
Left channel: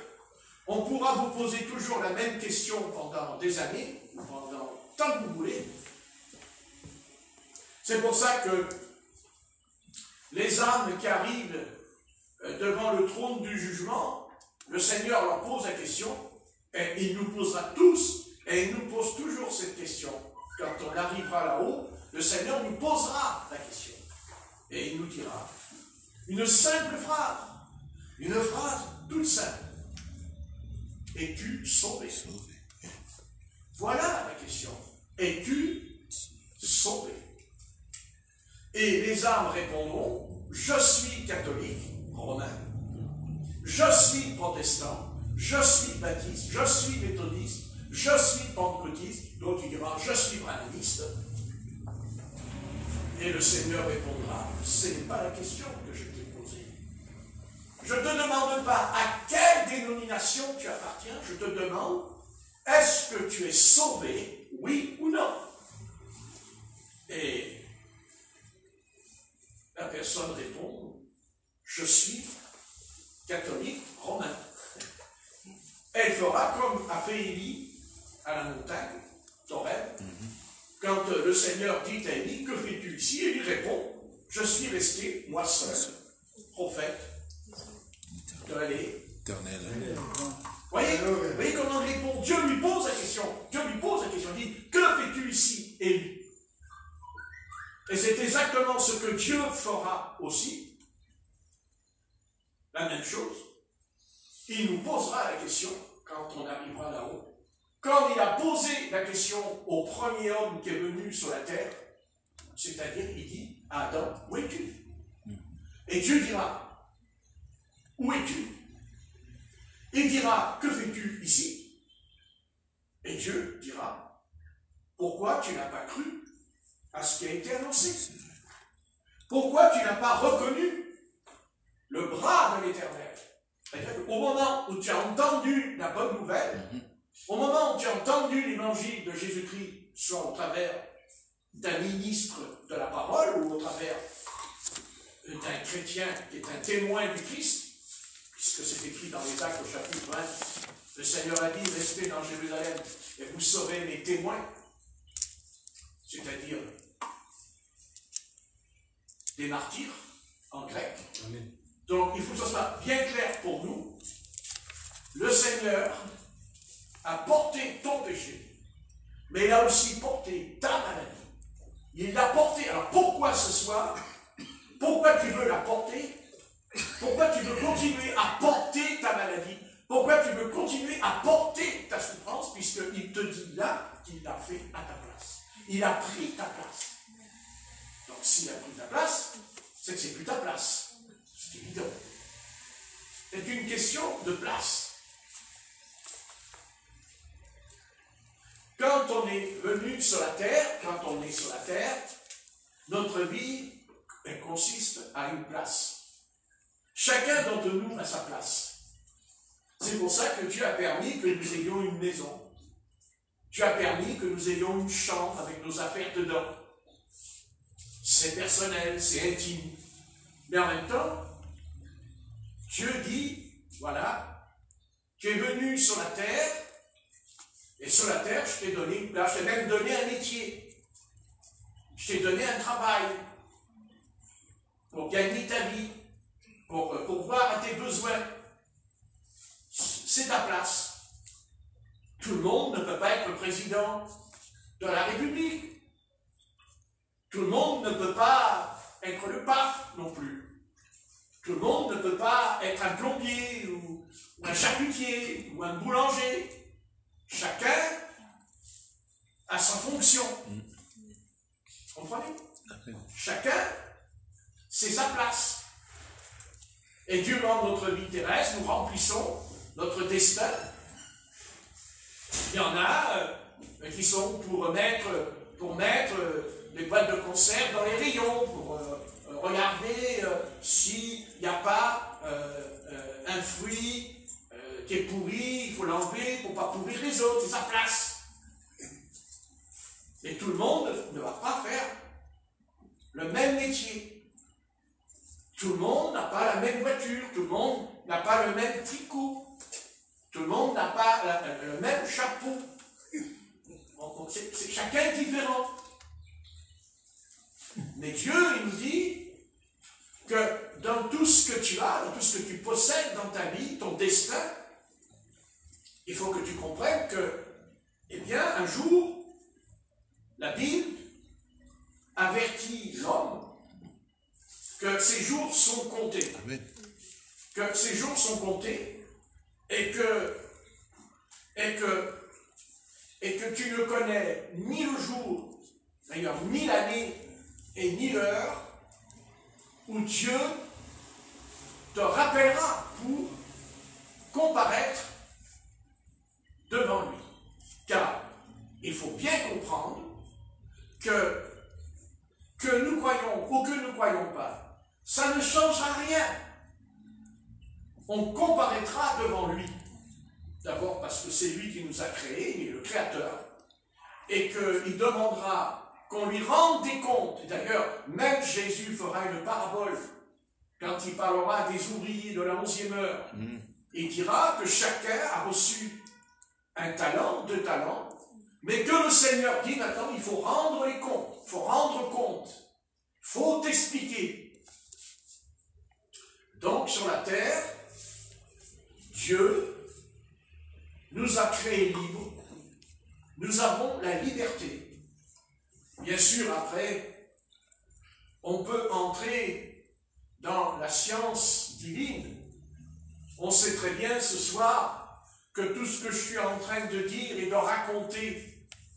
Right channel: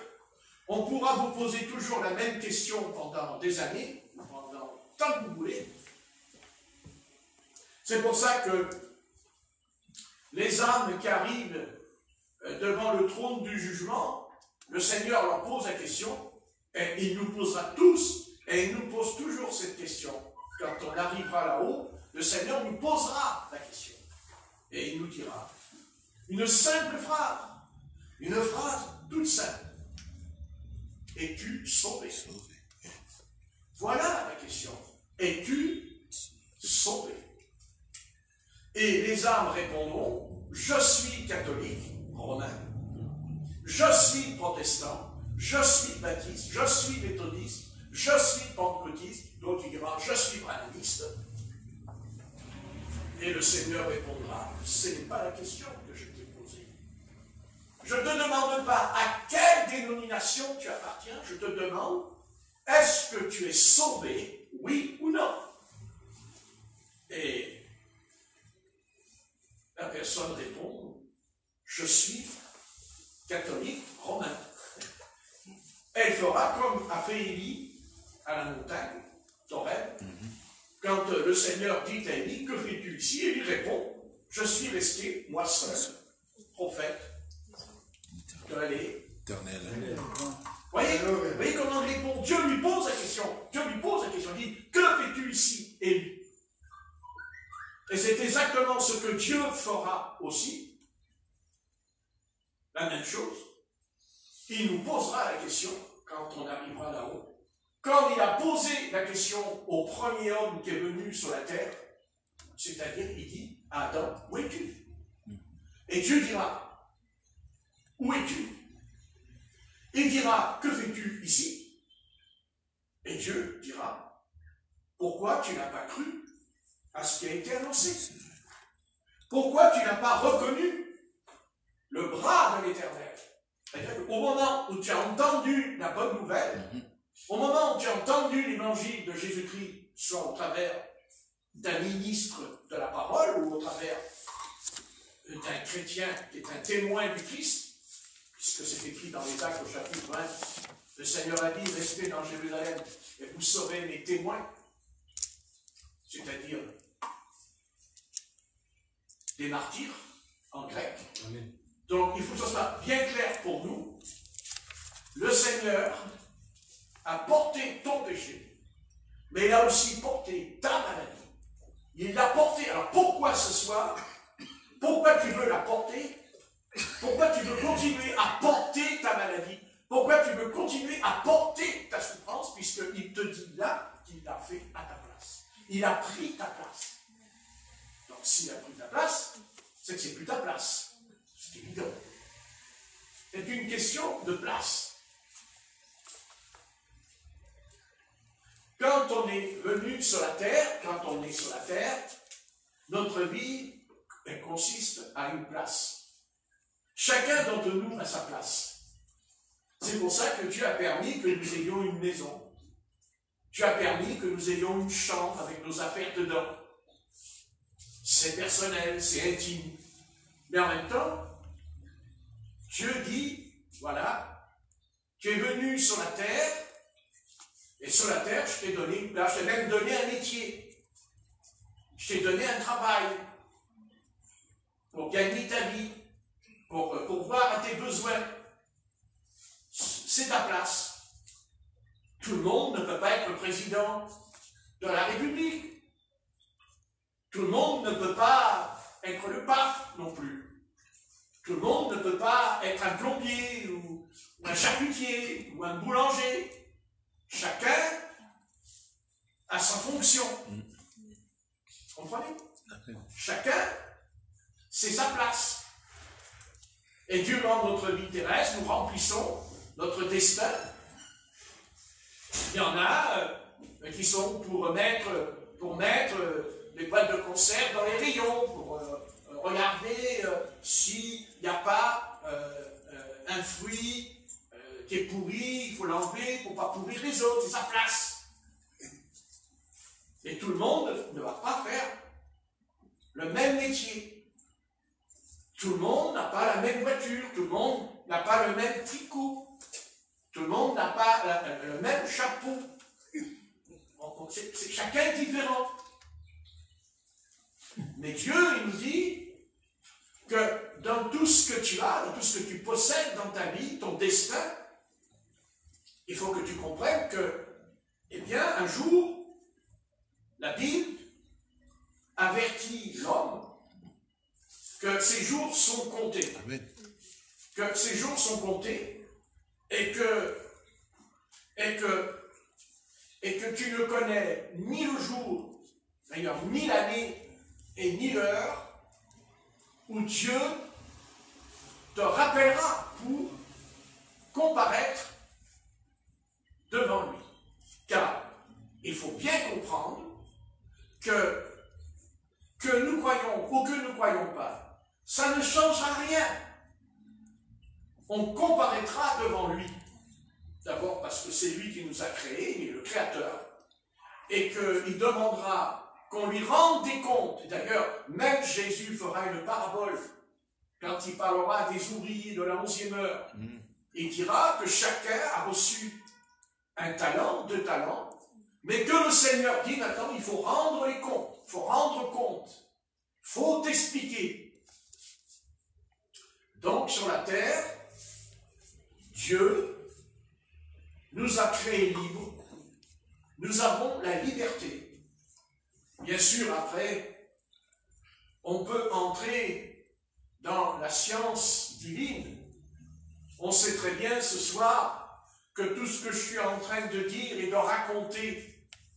on pourra vous poser toujours la même question pendant des années, pendant tant que vous voulez. C'est pour ça que les âmes qui arrivent devant le trône du jugement, le Seigneur leur pose la question, et il nous posera tous, et il nous pose toujours cette question. Quand on arrivera là-haut, le Seigneur nous posera la question. Et il nous dira une simple phrase, une phrase toute simple. Es-tu sauvé? Voilà la question. Es-tu sauvé? Et les âmes répondront, je suis catholique, romain, je suis protestant, je suis baptiste, je suis méthodiste, je suis pentecôtiste, d'autres diront, je suis branhamiste. Et le Seigneur répondra, ce n'est pas la question que je t'ai posée. Je ne te demande pas à quelle dénomination tu appartiens, je te demande, est-ce que tu es sauvé, oui ou non? Et la personne répond, je suis catholique romain. Elle fera comme a fait Élie à la montagne, d'Horeb. Quand le Seigneur dit à Élie, que fais-tu ici? Et il répond, je suis resté, moi seul, prophète de l'Éternel. Voyez comment il répond? Dieu lui pose la question. Dieu lui pose la question. Il dit, que fais-tu ici, Élie? Et c'est exactement ce que Dieu fera aussi. La même chose. Il nous posera la question quand on arrivera là-haut. Quand il a posé la question au premier homme qui est venu sur la terre, c'est-à-dire, il dit, Adam, où es-tu? Et Dieu dira, où es-tu? Il dira, que fais-tu ici? Et Dieu dira, pourquoi tu n'as pas cru à ce qui a été annoncé? Pourquoi tu n'as pas reconnu le bras de l'Éternel? C'est-à-dire qu'au moment où tu as entendu la bonne nouvelle, au moment où tu as entendu l'évangile de Jésus-Christ, soit au travers d'un ministre de la parole ou au travers d'un chrétien qui est un témoin du Christ, puisque c'est écrit dans les Actes au chapitre 1, le Seigneur a dit, restez dans Jérusalem et vous serez mes témoins, c'est-à-dire des martyrs en grec. Amen. Donc il faut que ce soit bien clair pour nous, le Seigneur a porté ton péché, mais il a aussi porté ta maladie. Il l'a porté. Alors pourquoi ce soir? Pourquoi tu veux la porter? Pourquoi tu veux continuer à porter ta maladie? Pourquoi tu veux continuer à porter ta souffrance? Puisqu'il te dit là qu'il l'a fait à ta place. Il a pris ta place. Donc s'il a pris ta place, c'est que c'est plus ta place. C'est évident. C'est une question de place. Quand on est venu sur la terre, notre vie consiste à une place. Chacun d'entre nous a sa place. C'est pour ça que Dieu a permis que nous ayons une maison. Dieu a permis que nous ayons une chambre avec nos affaires dedans. C'est personnel, c'est intime. Mais en même temps, Dieu dit, voilà, tu es venu sur la terre, et sur la terre, je t'ai donné, je t'ai même donné un métier. Je t'ai donné un travail pour gagner ta vie, pour voir à tes besoins. C'est ta place. Tout le monde ne peut pas être président de la République. Tout le monde ne peut pas être le pape non plus. Tout le monde ne peut pas être un plombier ou un charcutier ou un boulanger. Chacun a sa fonction. Vous comprenez? Chacun, c'est sa place. Et Dieu, dans notre vie terrestre, nous remplissons notre destin. Il y en a qui sont pour mettre les boîtes de conserve dans les rayons, pour regarder s'il n'y a pas un fruit qui est pourri, il faut l'enlever pour ne pas pourrir les autres. va pas faire le même métier. Tout le monde n'a pas la même voiture, tout le monde n'a pas le même tricot, tout le monde n'a pas le même chapeau. Chacun est différent. Mais Dieu, il nous dit que dans tout ce que tu as, dans tout ce que tu possèdes dans ta vie, ton destin, il faut que tu comprennes que, eh bien, un jour, la Bible avertit l'homme que ses jours sont comptés. Amen. Que ses jours sont comptés et que tu ne connais ni le jour, d'ailleurs ni l'année et ni l'heure où Dieu te rappellera pour comparaître devant lui. Car il faut bien comprendre que nous croyons ou que nous ne croyons pas, ça ne changera rien. On comparaîtra devant lui. D'abord parce que c'est lui qui nous a créés, il est le créateur, et qu'il demandera qu'on lui rende des comptes. Et d'ailleurs, même Jésus fera une parabole quand il parlera des ouvriers de la 11e heure. Il dira que chacun a reçu un talent, 2 talents, mais que le Seigneur dit maintenant, il faut rendre les comptes, il faut rendre compte, il faut expliquer. Donc sur la terre, Dieu nous a créés libres, nous avons la liberté. Bien sûr, après, on peut entrer dans la science divine. On sait très bien ce soir que tout ce que je suis en train de dire et de raconter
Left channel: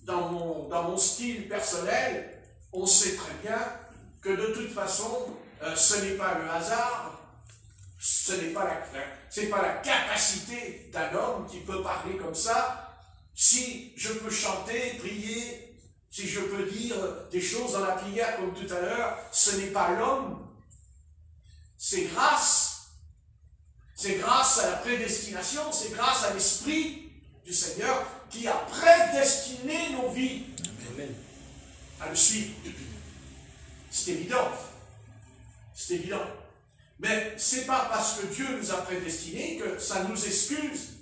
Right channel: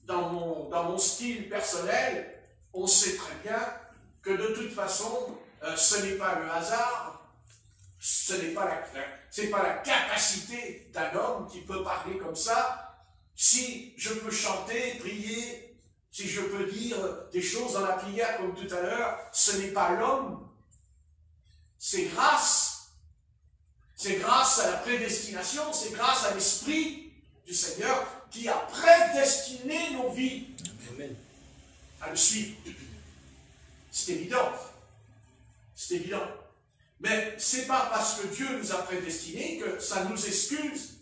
dans mon style personnel, on sait très bien que de toute façon, ce n'est pas le hasard, ce n'est pas la capacité d'un homme qui peut parler comme ça. Si je peux chanter, prier, si je peux dire des choses dans la prière comme tout à l'heure, ce n'est pas l'homme. C'est grâce à la prédestination, c'est grâce à l'Esprit du Seigneur qui a prédestiné nos vies à le suivre. C'est évident. C'est évident. Mais ce n'est pas parce que Dieu nous a prédestinés que ça nous excuse.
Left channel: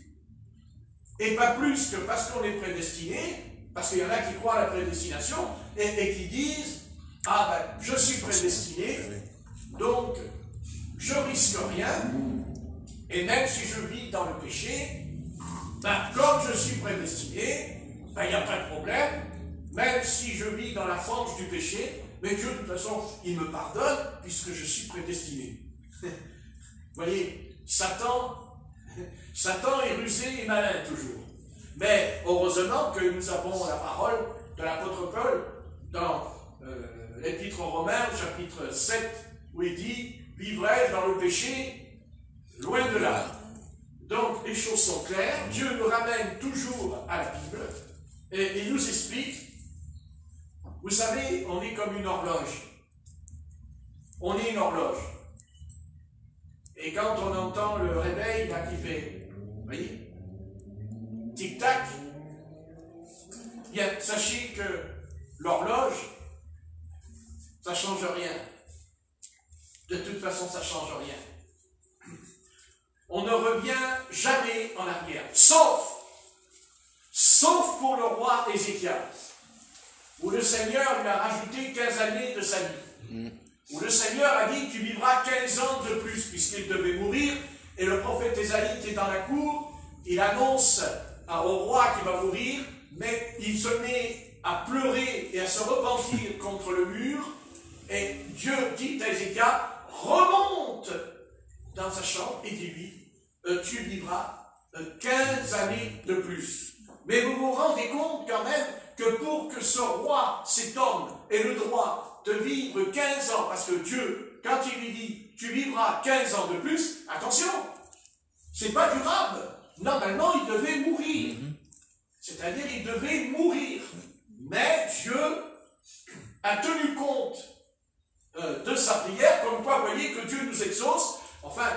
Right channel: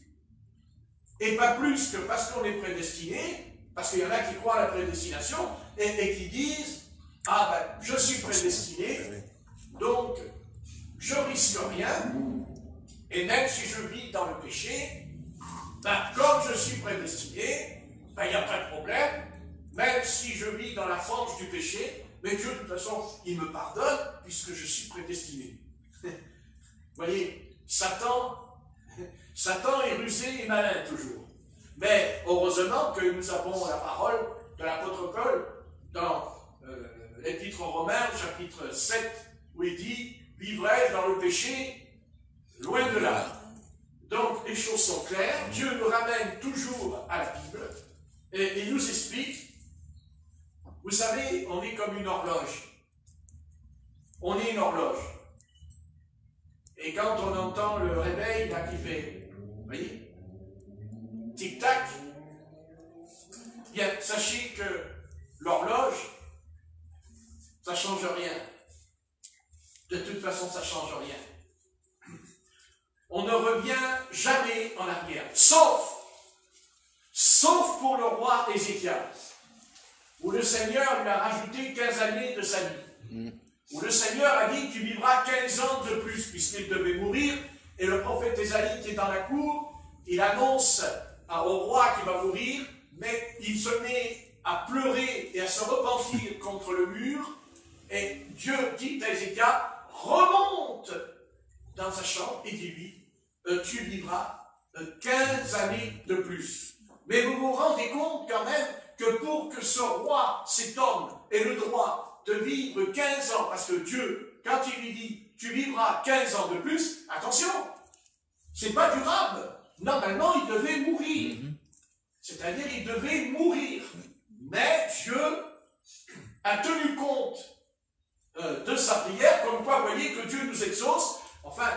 Et pas plus que parce qu'on est prédestiné, parce qu'il y en a qui croient à la prédestination et qui disent « Ah ben, je suis prédestiné, donc je risque rien, et même si je vis dans le péché, ben, comme je suis prédestiné, ben, il n'y a pas de problème, même si je vis dans la fange du péché, mais Dieu, de toute façon, il me pardonne puisque je suis prédestiné. » Vous voyez, Satan est rusé et malin toujours. Mais heureusement que nous avons la parole de l'apôtre Paul dans l'Épître aux Romains, chapitre 7, où il dit « Vivrai-je dans le péché, loin de là ». Donc les choses sont claires, Dieu nous ramène toujours à la Bible et nous explique. Vous savez, on est comme une horloge. On est une horloge. Et quand on entend le réveil là, qui fait, vous voyez, tic-tac, bien, sachez que l'horloge, ça ne change rien. De toute façon, ça ne change rien. On ne revient jamais en arrière, sauf pour le roi Ézéchias, où le Seigneur lui a rajouté 15 années de sa vie. Où le Seigneur a dit, tu vivras 15 ans de plus, puisqu'il devait mourir, et le prophète Ésaïe qui est dans la cour, il annonce au roi qu'il va mourir, mais il se met à pleurer et à se repentir contre le mur, et Dieu dit à Ézéchias, remonte dans sa chambre et dis-lui, tu vivras 15 années de plus. Mais vous vous rendez compte quand même que pour que ce roi, cet homme, ait le droit de vivre 15 ans, parce que Dieu, quand il lui dit, tu vivras 15 ans de plus, attention, c'est pas durable. Normalement, il devait mourir. C'est-à-dire, il devait mourir. Mais Dieu a tenu compte de sa prière, comme quoi, vous voyez que Dieu nous exauce. Enfin,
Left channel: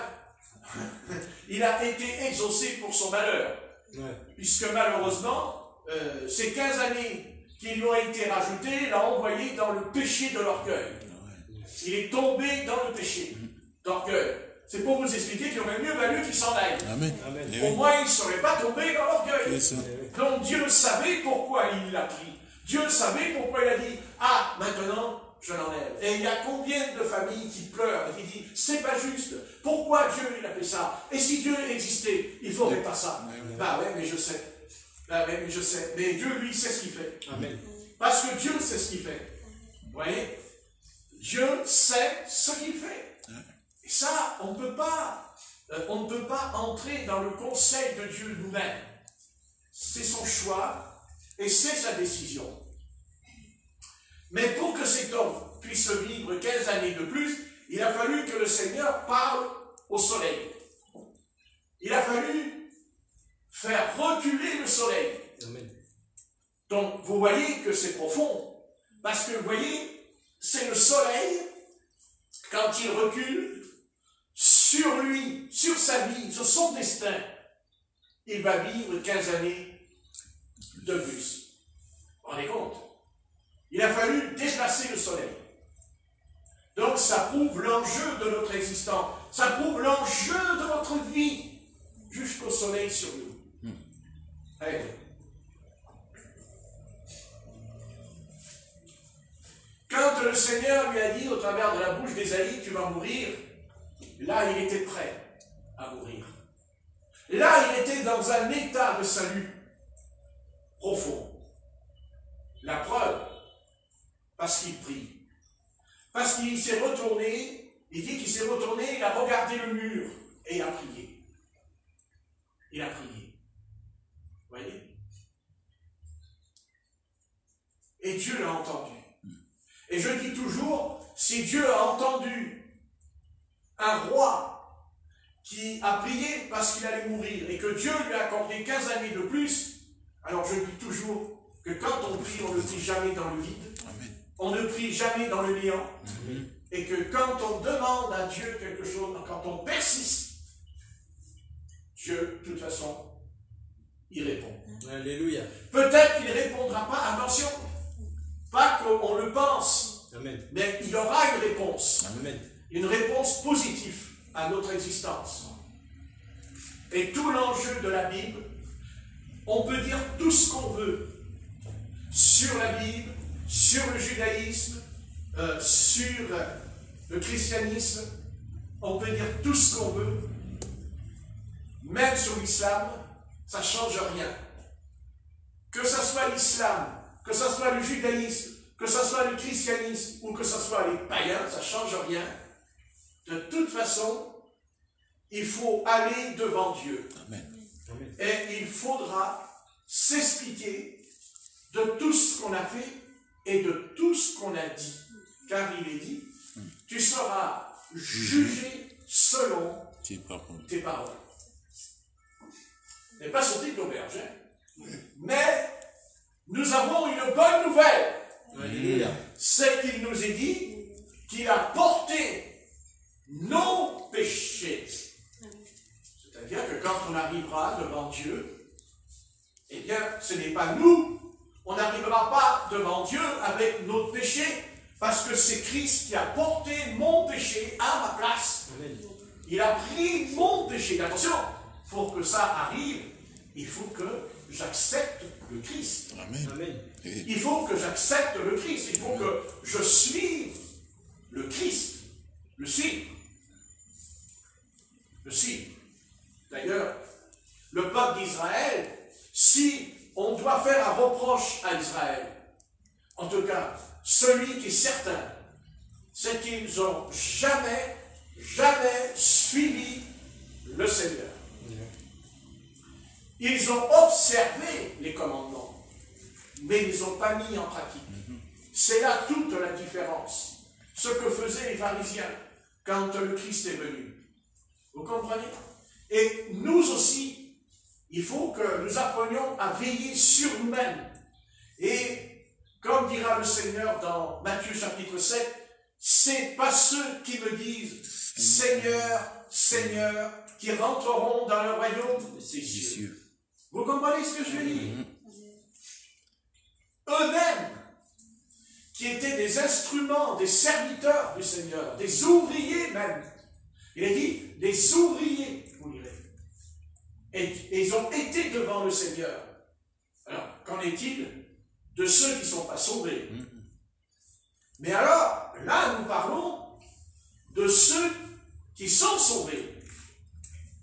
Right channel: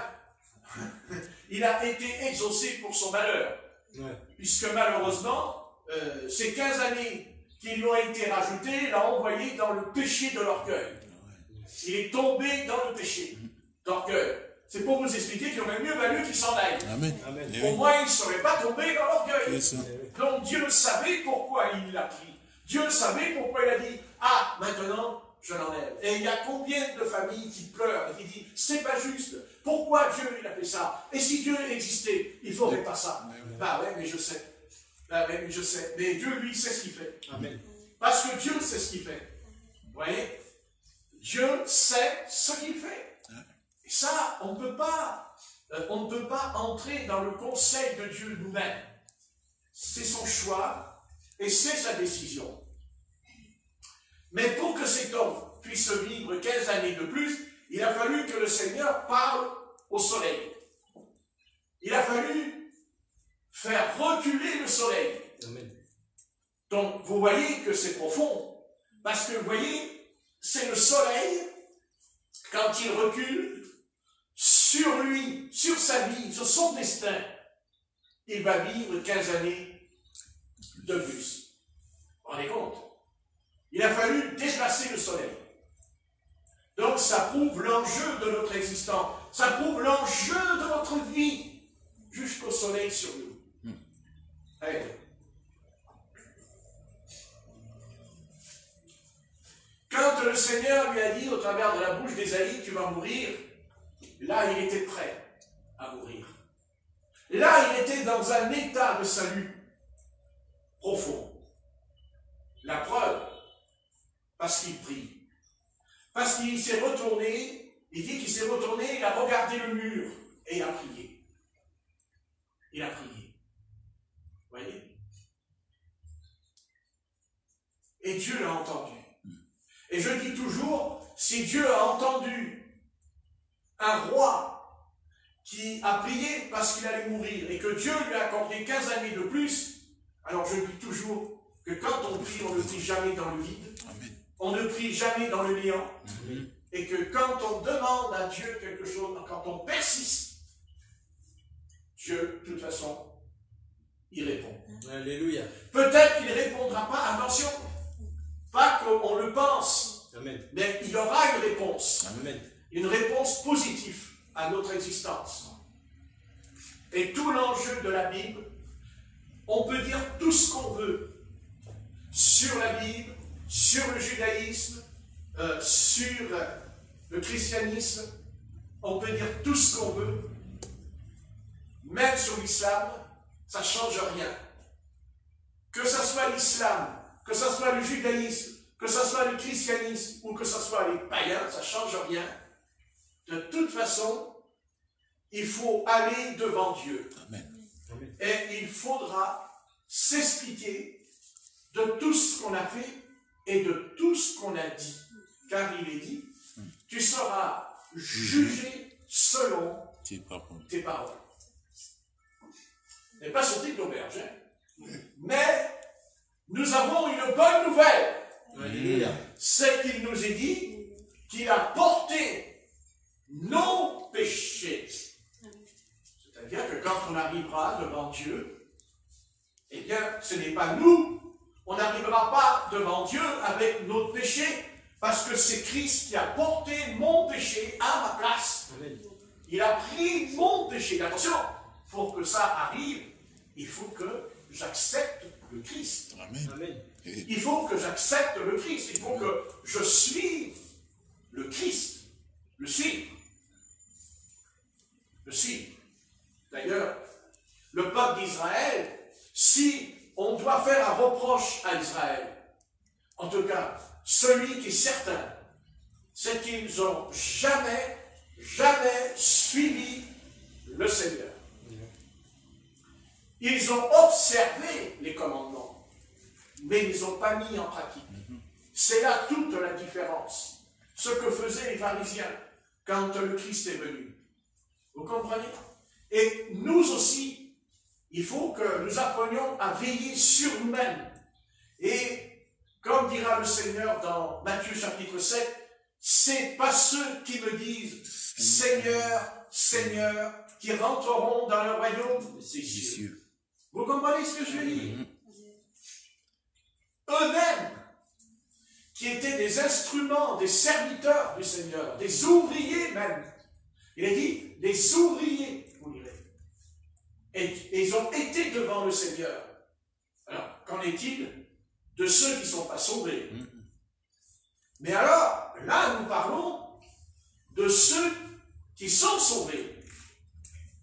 il a été exaucé pour son malheur. Puisque malheureusement, ces 15 années qui lui ont été rajoutés l'a envoyé dans le péché de l'orgueil. Il est tombé dans le péché d'orgueil. C'est pour vous expliquer qu'il aurait mieux valu qu'il s'en aille. Amen. Au moins, il ne serait pas tombé dans l'orgueil. Donc Dieu savait pourquoi il l'a pris. Dieu savait pourquoi il a dit, ah, maintenant, je l'enlève. Et il y a combien de familles qui pleurent et qui disent, c'est pas juste. Pourquoi Dieu il a fait ça? Et si Dieu existait, il ne ferait pas ça. Bah ouais, mais je sais. Bah ouais, mais je sais. Mais Dieu, lui, sait ce qu'il fait. Amen. Parce que Dieu sait ce qu'il fait. Vous voyez? Dieu sait ce qu'il fait. Et ça, on ne peut pas entrer dans le conseil de Dieu nous-mêmes. C'est son choix et c'est sa décision. Mais pour que cet homme puisse vivre 15 années de plus, il a fallu que le Seigneur parle au soleil. Il a fallu faire reculer le soleil. Amen. Donc, vous voyez que c'est profond. Parce que, vous voyez, c'est le soleil, quand il recule, sur lui, sur sa vie, sur son destin, il va vivre 15 années de plus. Vous vous rendez compte? Il a fallu déplacer le soleil. Donc ça prouve l'enjeu de notre existence. Ça prouve l'enjeu de notre vie. Jusqu'au soleil sur nous. Allez. Quand le Seigneur lui a dit au travers de la bouche d'Ésaïe, tu vas mourir, là il était prêt à mourir. Là il était dans un état de salut profond. La preuve, parce qu'il prie. Parce qu'il s'est retourné, il dit qu'il s'est retourné, il a regardé le mur et il a prié. Il a prié. Vous voyez? Et Dieu l'a entendu. Et je dis toujours, si Dieu a entendu un roi qui a prié parce qu'il allait mourir et que Dieu lui a accordé 15 années de plus, alors je dis toujours que quand on prie, on ne prie jamais dans le vide. Amen. On ne prie jamais dans le néant. Amen. Et que quand on demande à Dieu quelque chose, quand on persiste, Dieu, de toute façon, il répond. Alléluia. Peut-être qu'il ne répondra pas, attention, pas qu'on le pense, amen, mais il aura une réponse. Amen. Une réponse positive à notre existence. Et tout l'enjeu de la Bible, on peut dire tout ce qu'on veut sur la Bible, sur le judaïsme, sur le christianisme, on peut dire tout ce qu'on veut, même sur l'islam, ça ne change rien. Que ce soit l'islam, que ce soit le judaïsme, que ce soit le christianisme ou que ce soit les païens, ça ne change rien. De toute façon, il faut aller devant Dieu. Amen. Et il faudra s'expliquer de tout ce qu'on a fait et de tout ce qu'on a dit. Car il est dit, tu seras jugé selon tes paroles. Ce n'est pas sorti de l'auberge, mais nous avons une bonne nouvelle. C'est qu'il nous est dit qu'il a porté nos péchés. C'est-à-dire que quand on arrivera devant Dieu, eh bien, ce n'est pas nous. On n'arrivera pas devant Dieu avec notre péché, parce que c'est Christ qui a porté mon péché à ma place. Amen. Il a pris mon péché. Attention, pour que ça arrive, il faut que j'accepte le Christ. Amen. Il faut que j'accepte le Christ. Il faut que je suive le Christ. Le suivre. Le suivre. D'ailleurs, le peuple d'Israël, si on doit faire un reproche à Israël, en tout cas, celui qui est certain, c'est qu'ils n'ont jamais suivi le Seigneur. Ils ont observé les commandements, mais ils n'ont pas mis en pratique. C'est là toute la différence. Ce que faisaient les pharisiens quand le Christ est venu. Vous comprenez? Et nous aussi, il faut que nous apprenions à veiller sur nous-mêmes. Et comme dira le Seigneur dans Matthieu chapitre 7, c'est pas ceux qui me disent Seigneur, Seigneur, qui rentreront dans le royaume des cieux. Vous comprenez ce que je veux dire? eux-mêmes, qui étaient des instruments, des serviteurs du Seigneur, des ouvriers même. Il a dit, les ouvriers, vous lirez. Et ils ont été devant le Seigneur. Alors, qu'en est-il de ceux qui ne sont pas sauvés? Mais alors, là, nous parlons de ceux qui sont sauvés.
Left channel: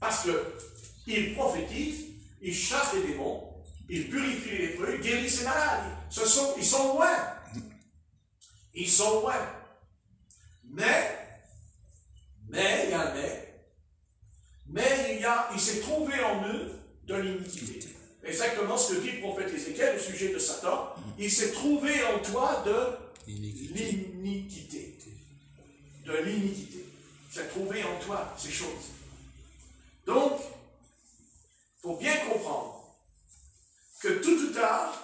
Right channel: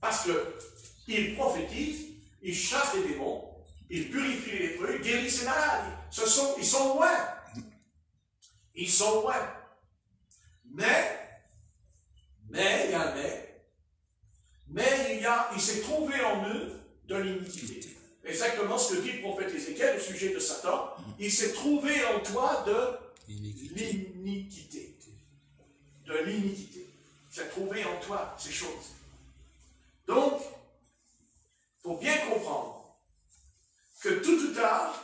Parce qu'ils prophétisent, ils chassent les démons, ils purifient les lépreux, ils guérissent les malades. Ils sont loin. Ils sont loin. Mais, il y a un mais il s'est trouvé en eux de l'iniquité. Exactement ce que dit le prophète Ézéchiel au sujet de Satan. Il s'est trouvé en toi de l'iniquité. De l'iniquité. Il s'est trouvé en toi ces choses. Donc, il faut bien comprendre que tout ou tard,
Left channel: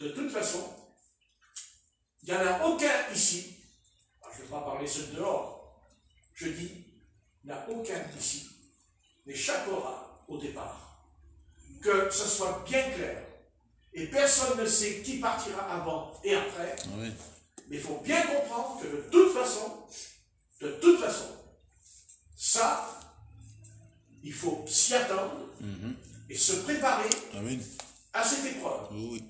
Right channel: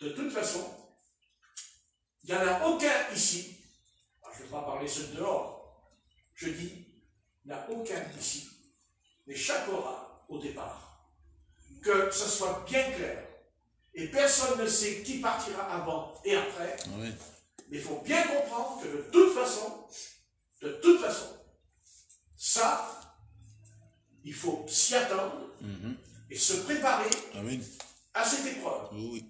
de toute façon, il n'y en a aucun ici, je ne vais pas parler ceux de dehors, je dis, il n'y en a aucun ici, n'échappera au départ. Que ce soit bien clair. Et personne ne sait qui partira avant et après. Oui. Mais il faut bien comprendre que de toute façon, ça, il faut s'y attendre et se préparer à cette épreuve. Oui.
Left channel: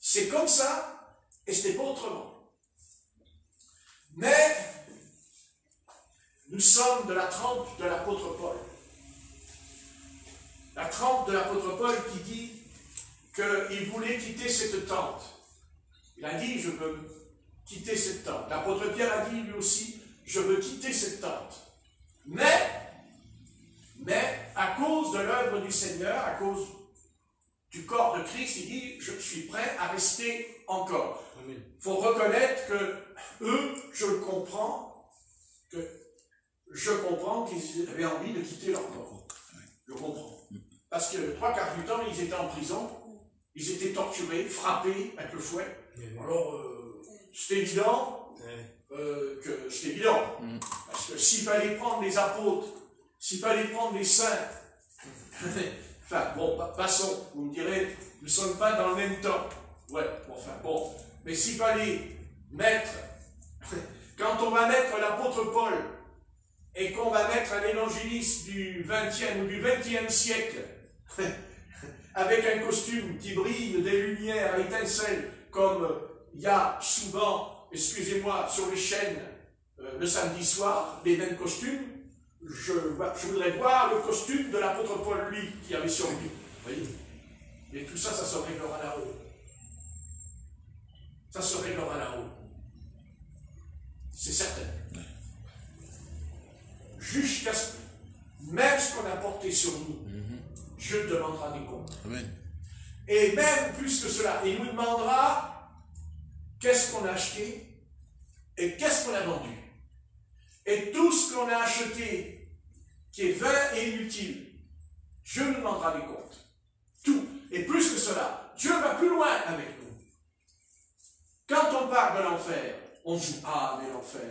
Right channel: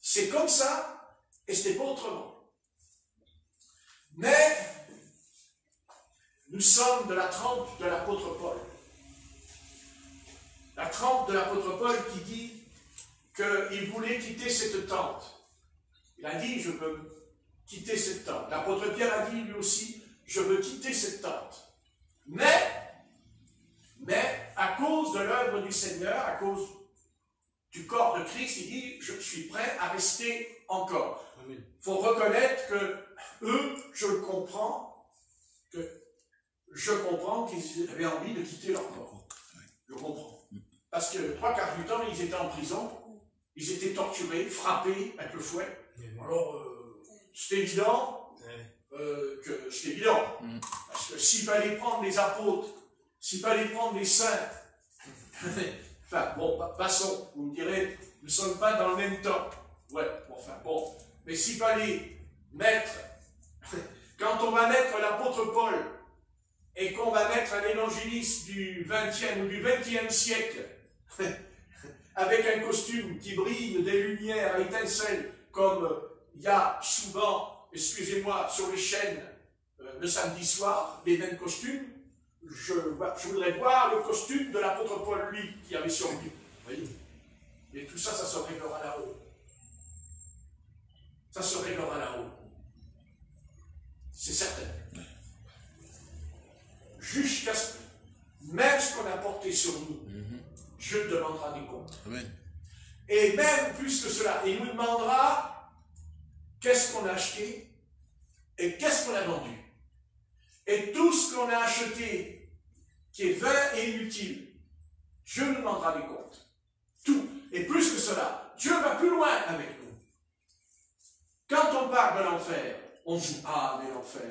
C'est comme ça et ce n'est pas autrement. Mais nous sommes de la trempe de l'apôtre Paul. La trempe de l'apôtre Paul qui dit qu'il voulait quitter cette tente. Il a dit, je veux quitter cette tente. L'apôtre Pierre a dit lui aussi, je veux quitter cette tente. Mais à cause de l'œuvre du Seigneur, à cause du corps de Christ, il dit, je suis prêt à rester encore. Il faut reconnaître que eux, je comprends qu'ils avaient envie de quitter leur corps. Je comprends. Parce que le 3/4 du temps, ils étaient en prison, ils étaient torturés, frappés avec le fouet. Alors, c'était évident que c'était évident. Parce que s'il fallait prendre les apôtres, s'il fallait prendre les saints, enfin, bon, passons, vous me direz, nous ne sommes pas dans le même temps. Ouais, bon. Mais s'il fallait mettre, quand on va mettre l'apôtre Paul, et qu'on va mettre un évangéliste du 20e ou du 21e siècle, avec un costume qui brille des lumières étincelles, comme il y a souvent, excusez-moi, sur les chaînes le samedi soir, les mêmes costumes, je voudrais voir le costume de l'apôtre Paul, lui, qui avait sur lui. Vous voyez? Et tout ça, ça se réglera là-haut. Ça se réglera là-haut. C'est certain. Jusqu'à ce que, même ce qu'on a porté sur nous, Dieu demandera des comptes. Amen. Et même plus que cela, il nous demandera qu'est-ce qu'on a acheté et qu'est-ce qu'on a vendu. Et tout ce qu'on a acheté qui est vain et inutile, Dieu nous demandera des comptes. Tout. Et plus que cela, Dieu va plus loin avec nous. Quand on parle de l'enfer, on dit, ah, mais l'enfer.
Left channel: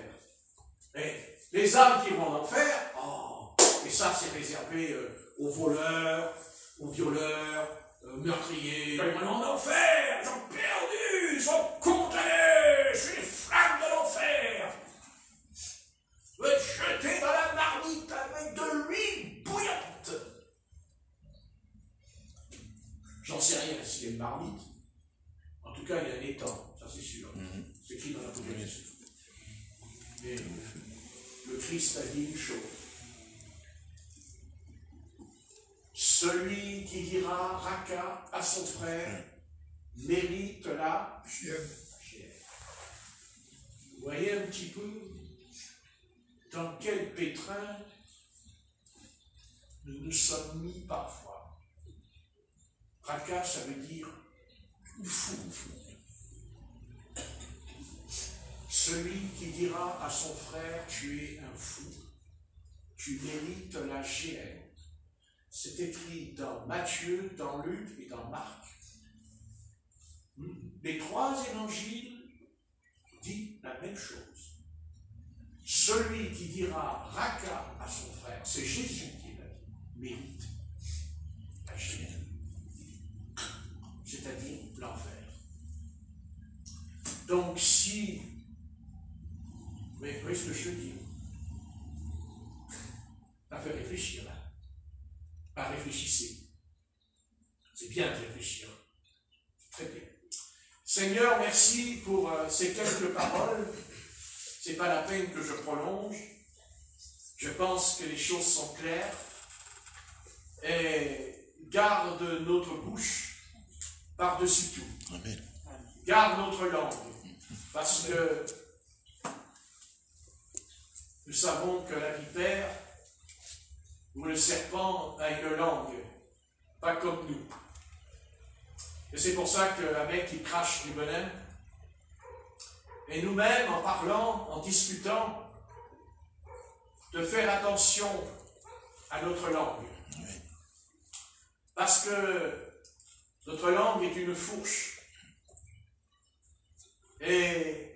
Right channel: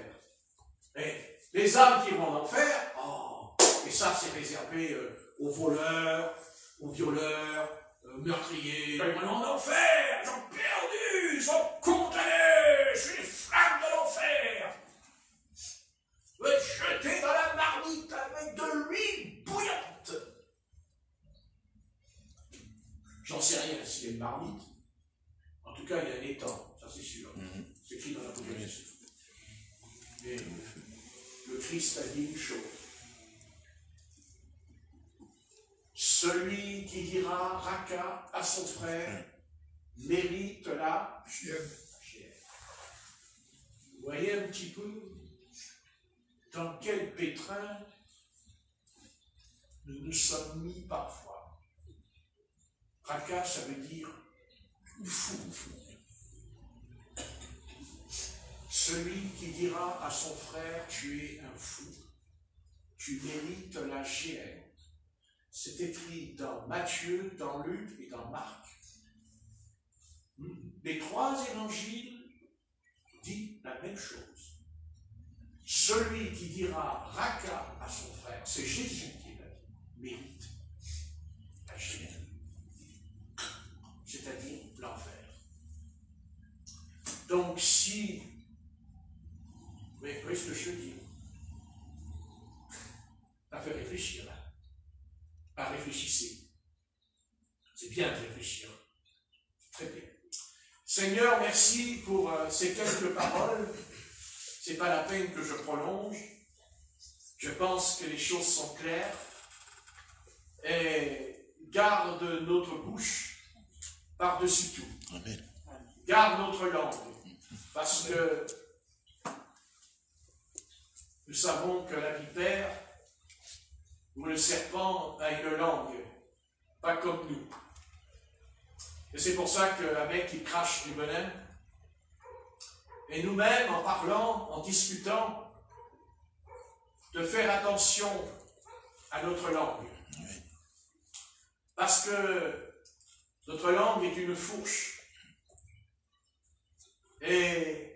Et les âmes qui vont en enfer, oh, et ça c'est réservé aux voleurs, aux violeurs, meurtriers. Ils vont en enfer, ils sont perdus, ils sont condamnés, c'est les flammes de l'enfer. Vous êtes jetés dans la marmite avec de l'huile bouillante. J'en sais rien s'il y a une marmite. En tout cas, il y a un étang, ça c'est sûr. C'est écrit dans l'Apocalypse. Mais le Christ a dit une chose. Celui qui dira Raka à son frère mérite la chair. Vous voyez un petit peu dans quel pétrin nous nous sommes mis parfois. Raka, ça veut dire fou. Celui qui dira à son frère, tu es un fou, tu mérites la géhenne. C'est écrit dans Matthieu, dans Luc et dans Marc. Les trois évangiles disent la même chose. Celui qui dira Raka à son frère, c'est Jésus qui l'a dit, mérite la géhenne. C'est-à-dire Donc si... Mais qu'est-ce que je te dis? Ça fait réfléchir. Hein? Pas réfléchissez. C'est bien de réfléchir. Très bien. Seigneur, merci pour ces quelques paroles. Ce n'est pas la peine que je prolonge. Je pense que les choses sont claires. Et garde notre bouche par-dessus tout. Amen. Garde notre langue. Parce que nous savons que la vipère ou le serpent a une langue, pas comme nous. Et c'est pour ça qu'un mec qui crache du venin, et nous-mêmes, en parlant, en discutant, de faire attention à notre langue. Parce que notre langue est une fourche. Et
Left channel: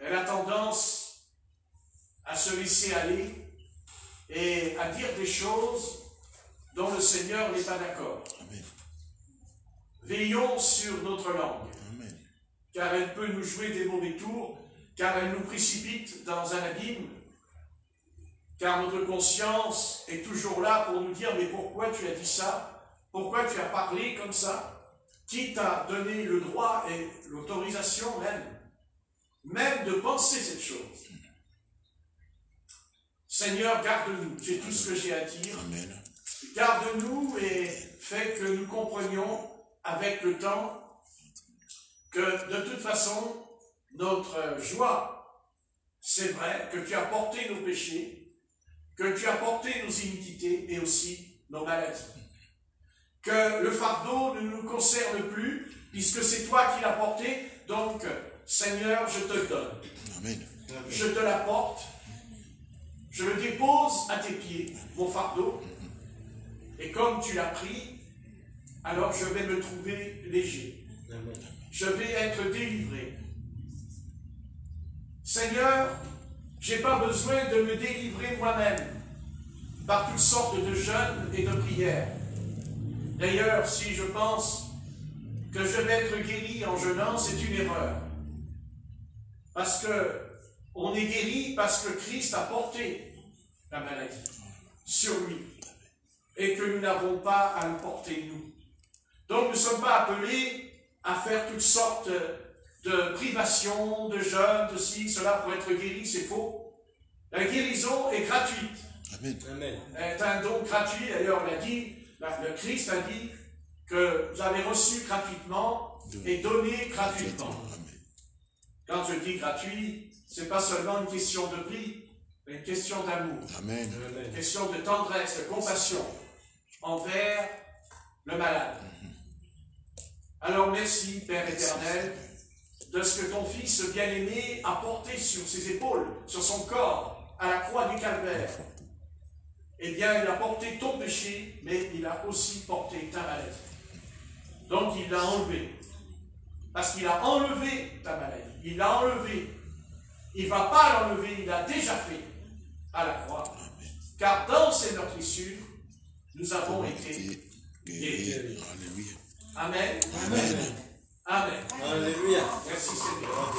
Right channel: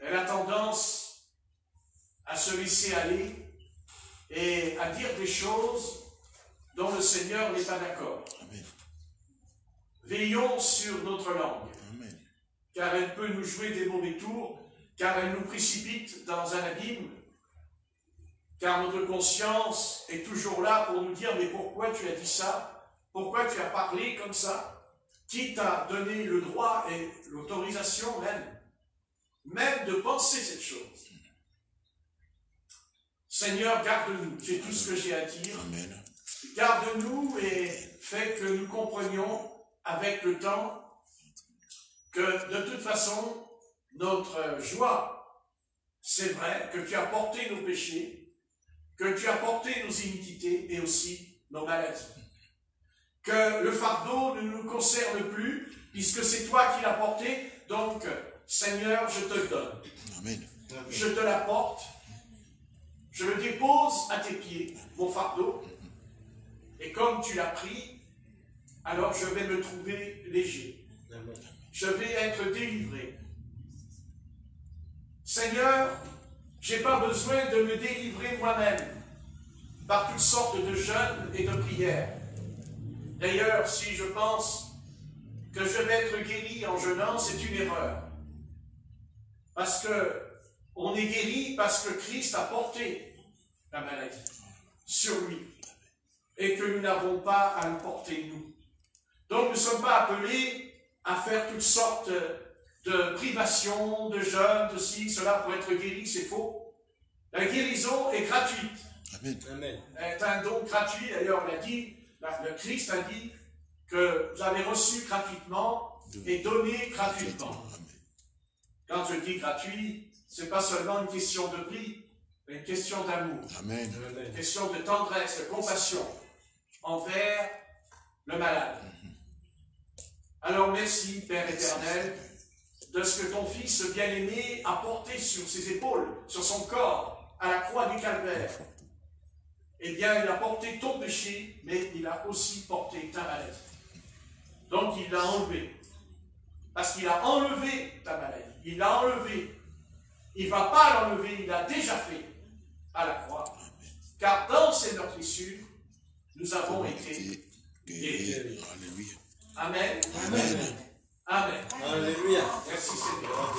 elle a tendance à se laisser aller et à dire des choses dont le Seigneur n'est pas d'accord. Veillons sur notre langue, Amen. car elle peut nous jouer des mauvais tours, car elle nous précipite dans un abîme, car notre conscience est toujours là pour nous dire « Mais pourquoi tu as dit ça? Pourquoi tu as parlé comme ça? Qui t'a donné le droit et l'autorisation même de penser cette chose? » Seigneur, garde-nous, j'ai tout ce que j'ai à dire. Amen. Garde-nous et fais que nous comprenions avec le temps que de toute façon, notre joie, c'est vrai que tu as porté nos péchés, que tu as porté nos iniquités et aussi nos maladies. Que le fardeau ne nous concerne plus, puisque c'est toi qui l'as porté. Donc, Seigneur, je te le donne. Amen. Je te l'apporte. Je le dépose à tes pieds, mon fardeau. Et comme tu l'as pris, alors je vais me trouver léger. Je vais être délivré. Seigneur, je n'ai pas besoin de me délivrer moi-même par toutes sortes de jeûnes et de prières. D'ailleurs, si je pense que je vais être guéri en jeûnant, c'est une erreur. Parce que on est guéri parce que Christ a porté la maladie sur lui et que nous n'avons pas à le porter nous. Donc nous ne sommes pas appelés à faire toutes sortes de privations, de jeûnes, de ci, cela pour être guéri, c'est faux. La guérison est gratuite. Amen. C'est un don gratuit, d'ailleurs le Christ a dit que vous avez reçu gratuitement et donné gratuitement. Quand je dis gratuit, ce n'est pas seulement une question de prix, mais une question d'amour, une question de tendresse, de compassion envers le malade. Alors merci, Père éternel, de ce que ton Fils bien-aimé a porté sur ses épaules, sur son corps, à la croix du Calvaire. Eh bien, il a porté ton péché, mais il a aussi porté ta maladie. Donc, il l'a enlevé. Parce qu'il a enlevé ta maladie. Il l'a enlevé. Il ne va pas l'enlever, il l'a déjà fait à la croix. Car dans ces meurtrissures, nous avons été guéris. Alléluia. Amen. Amen. Amen. Alléluia. Merci Seigneur.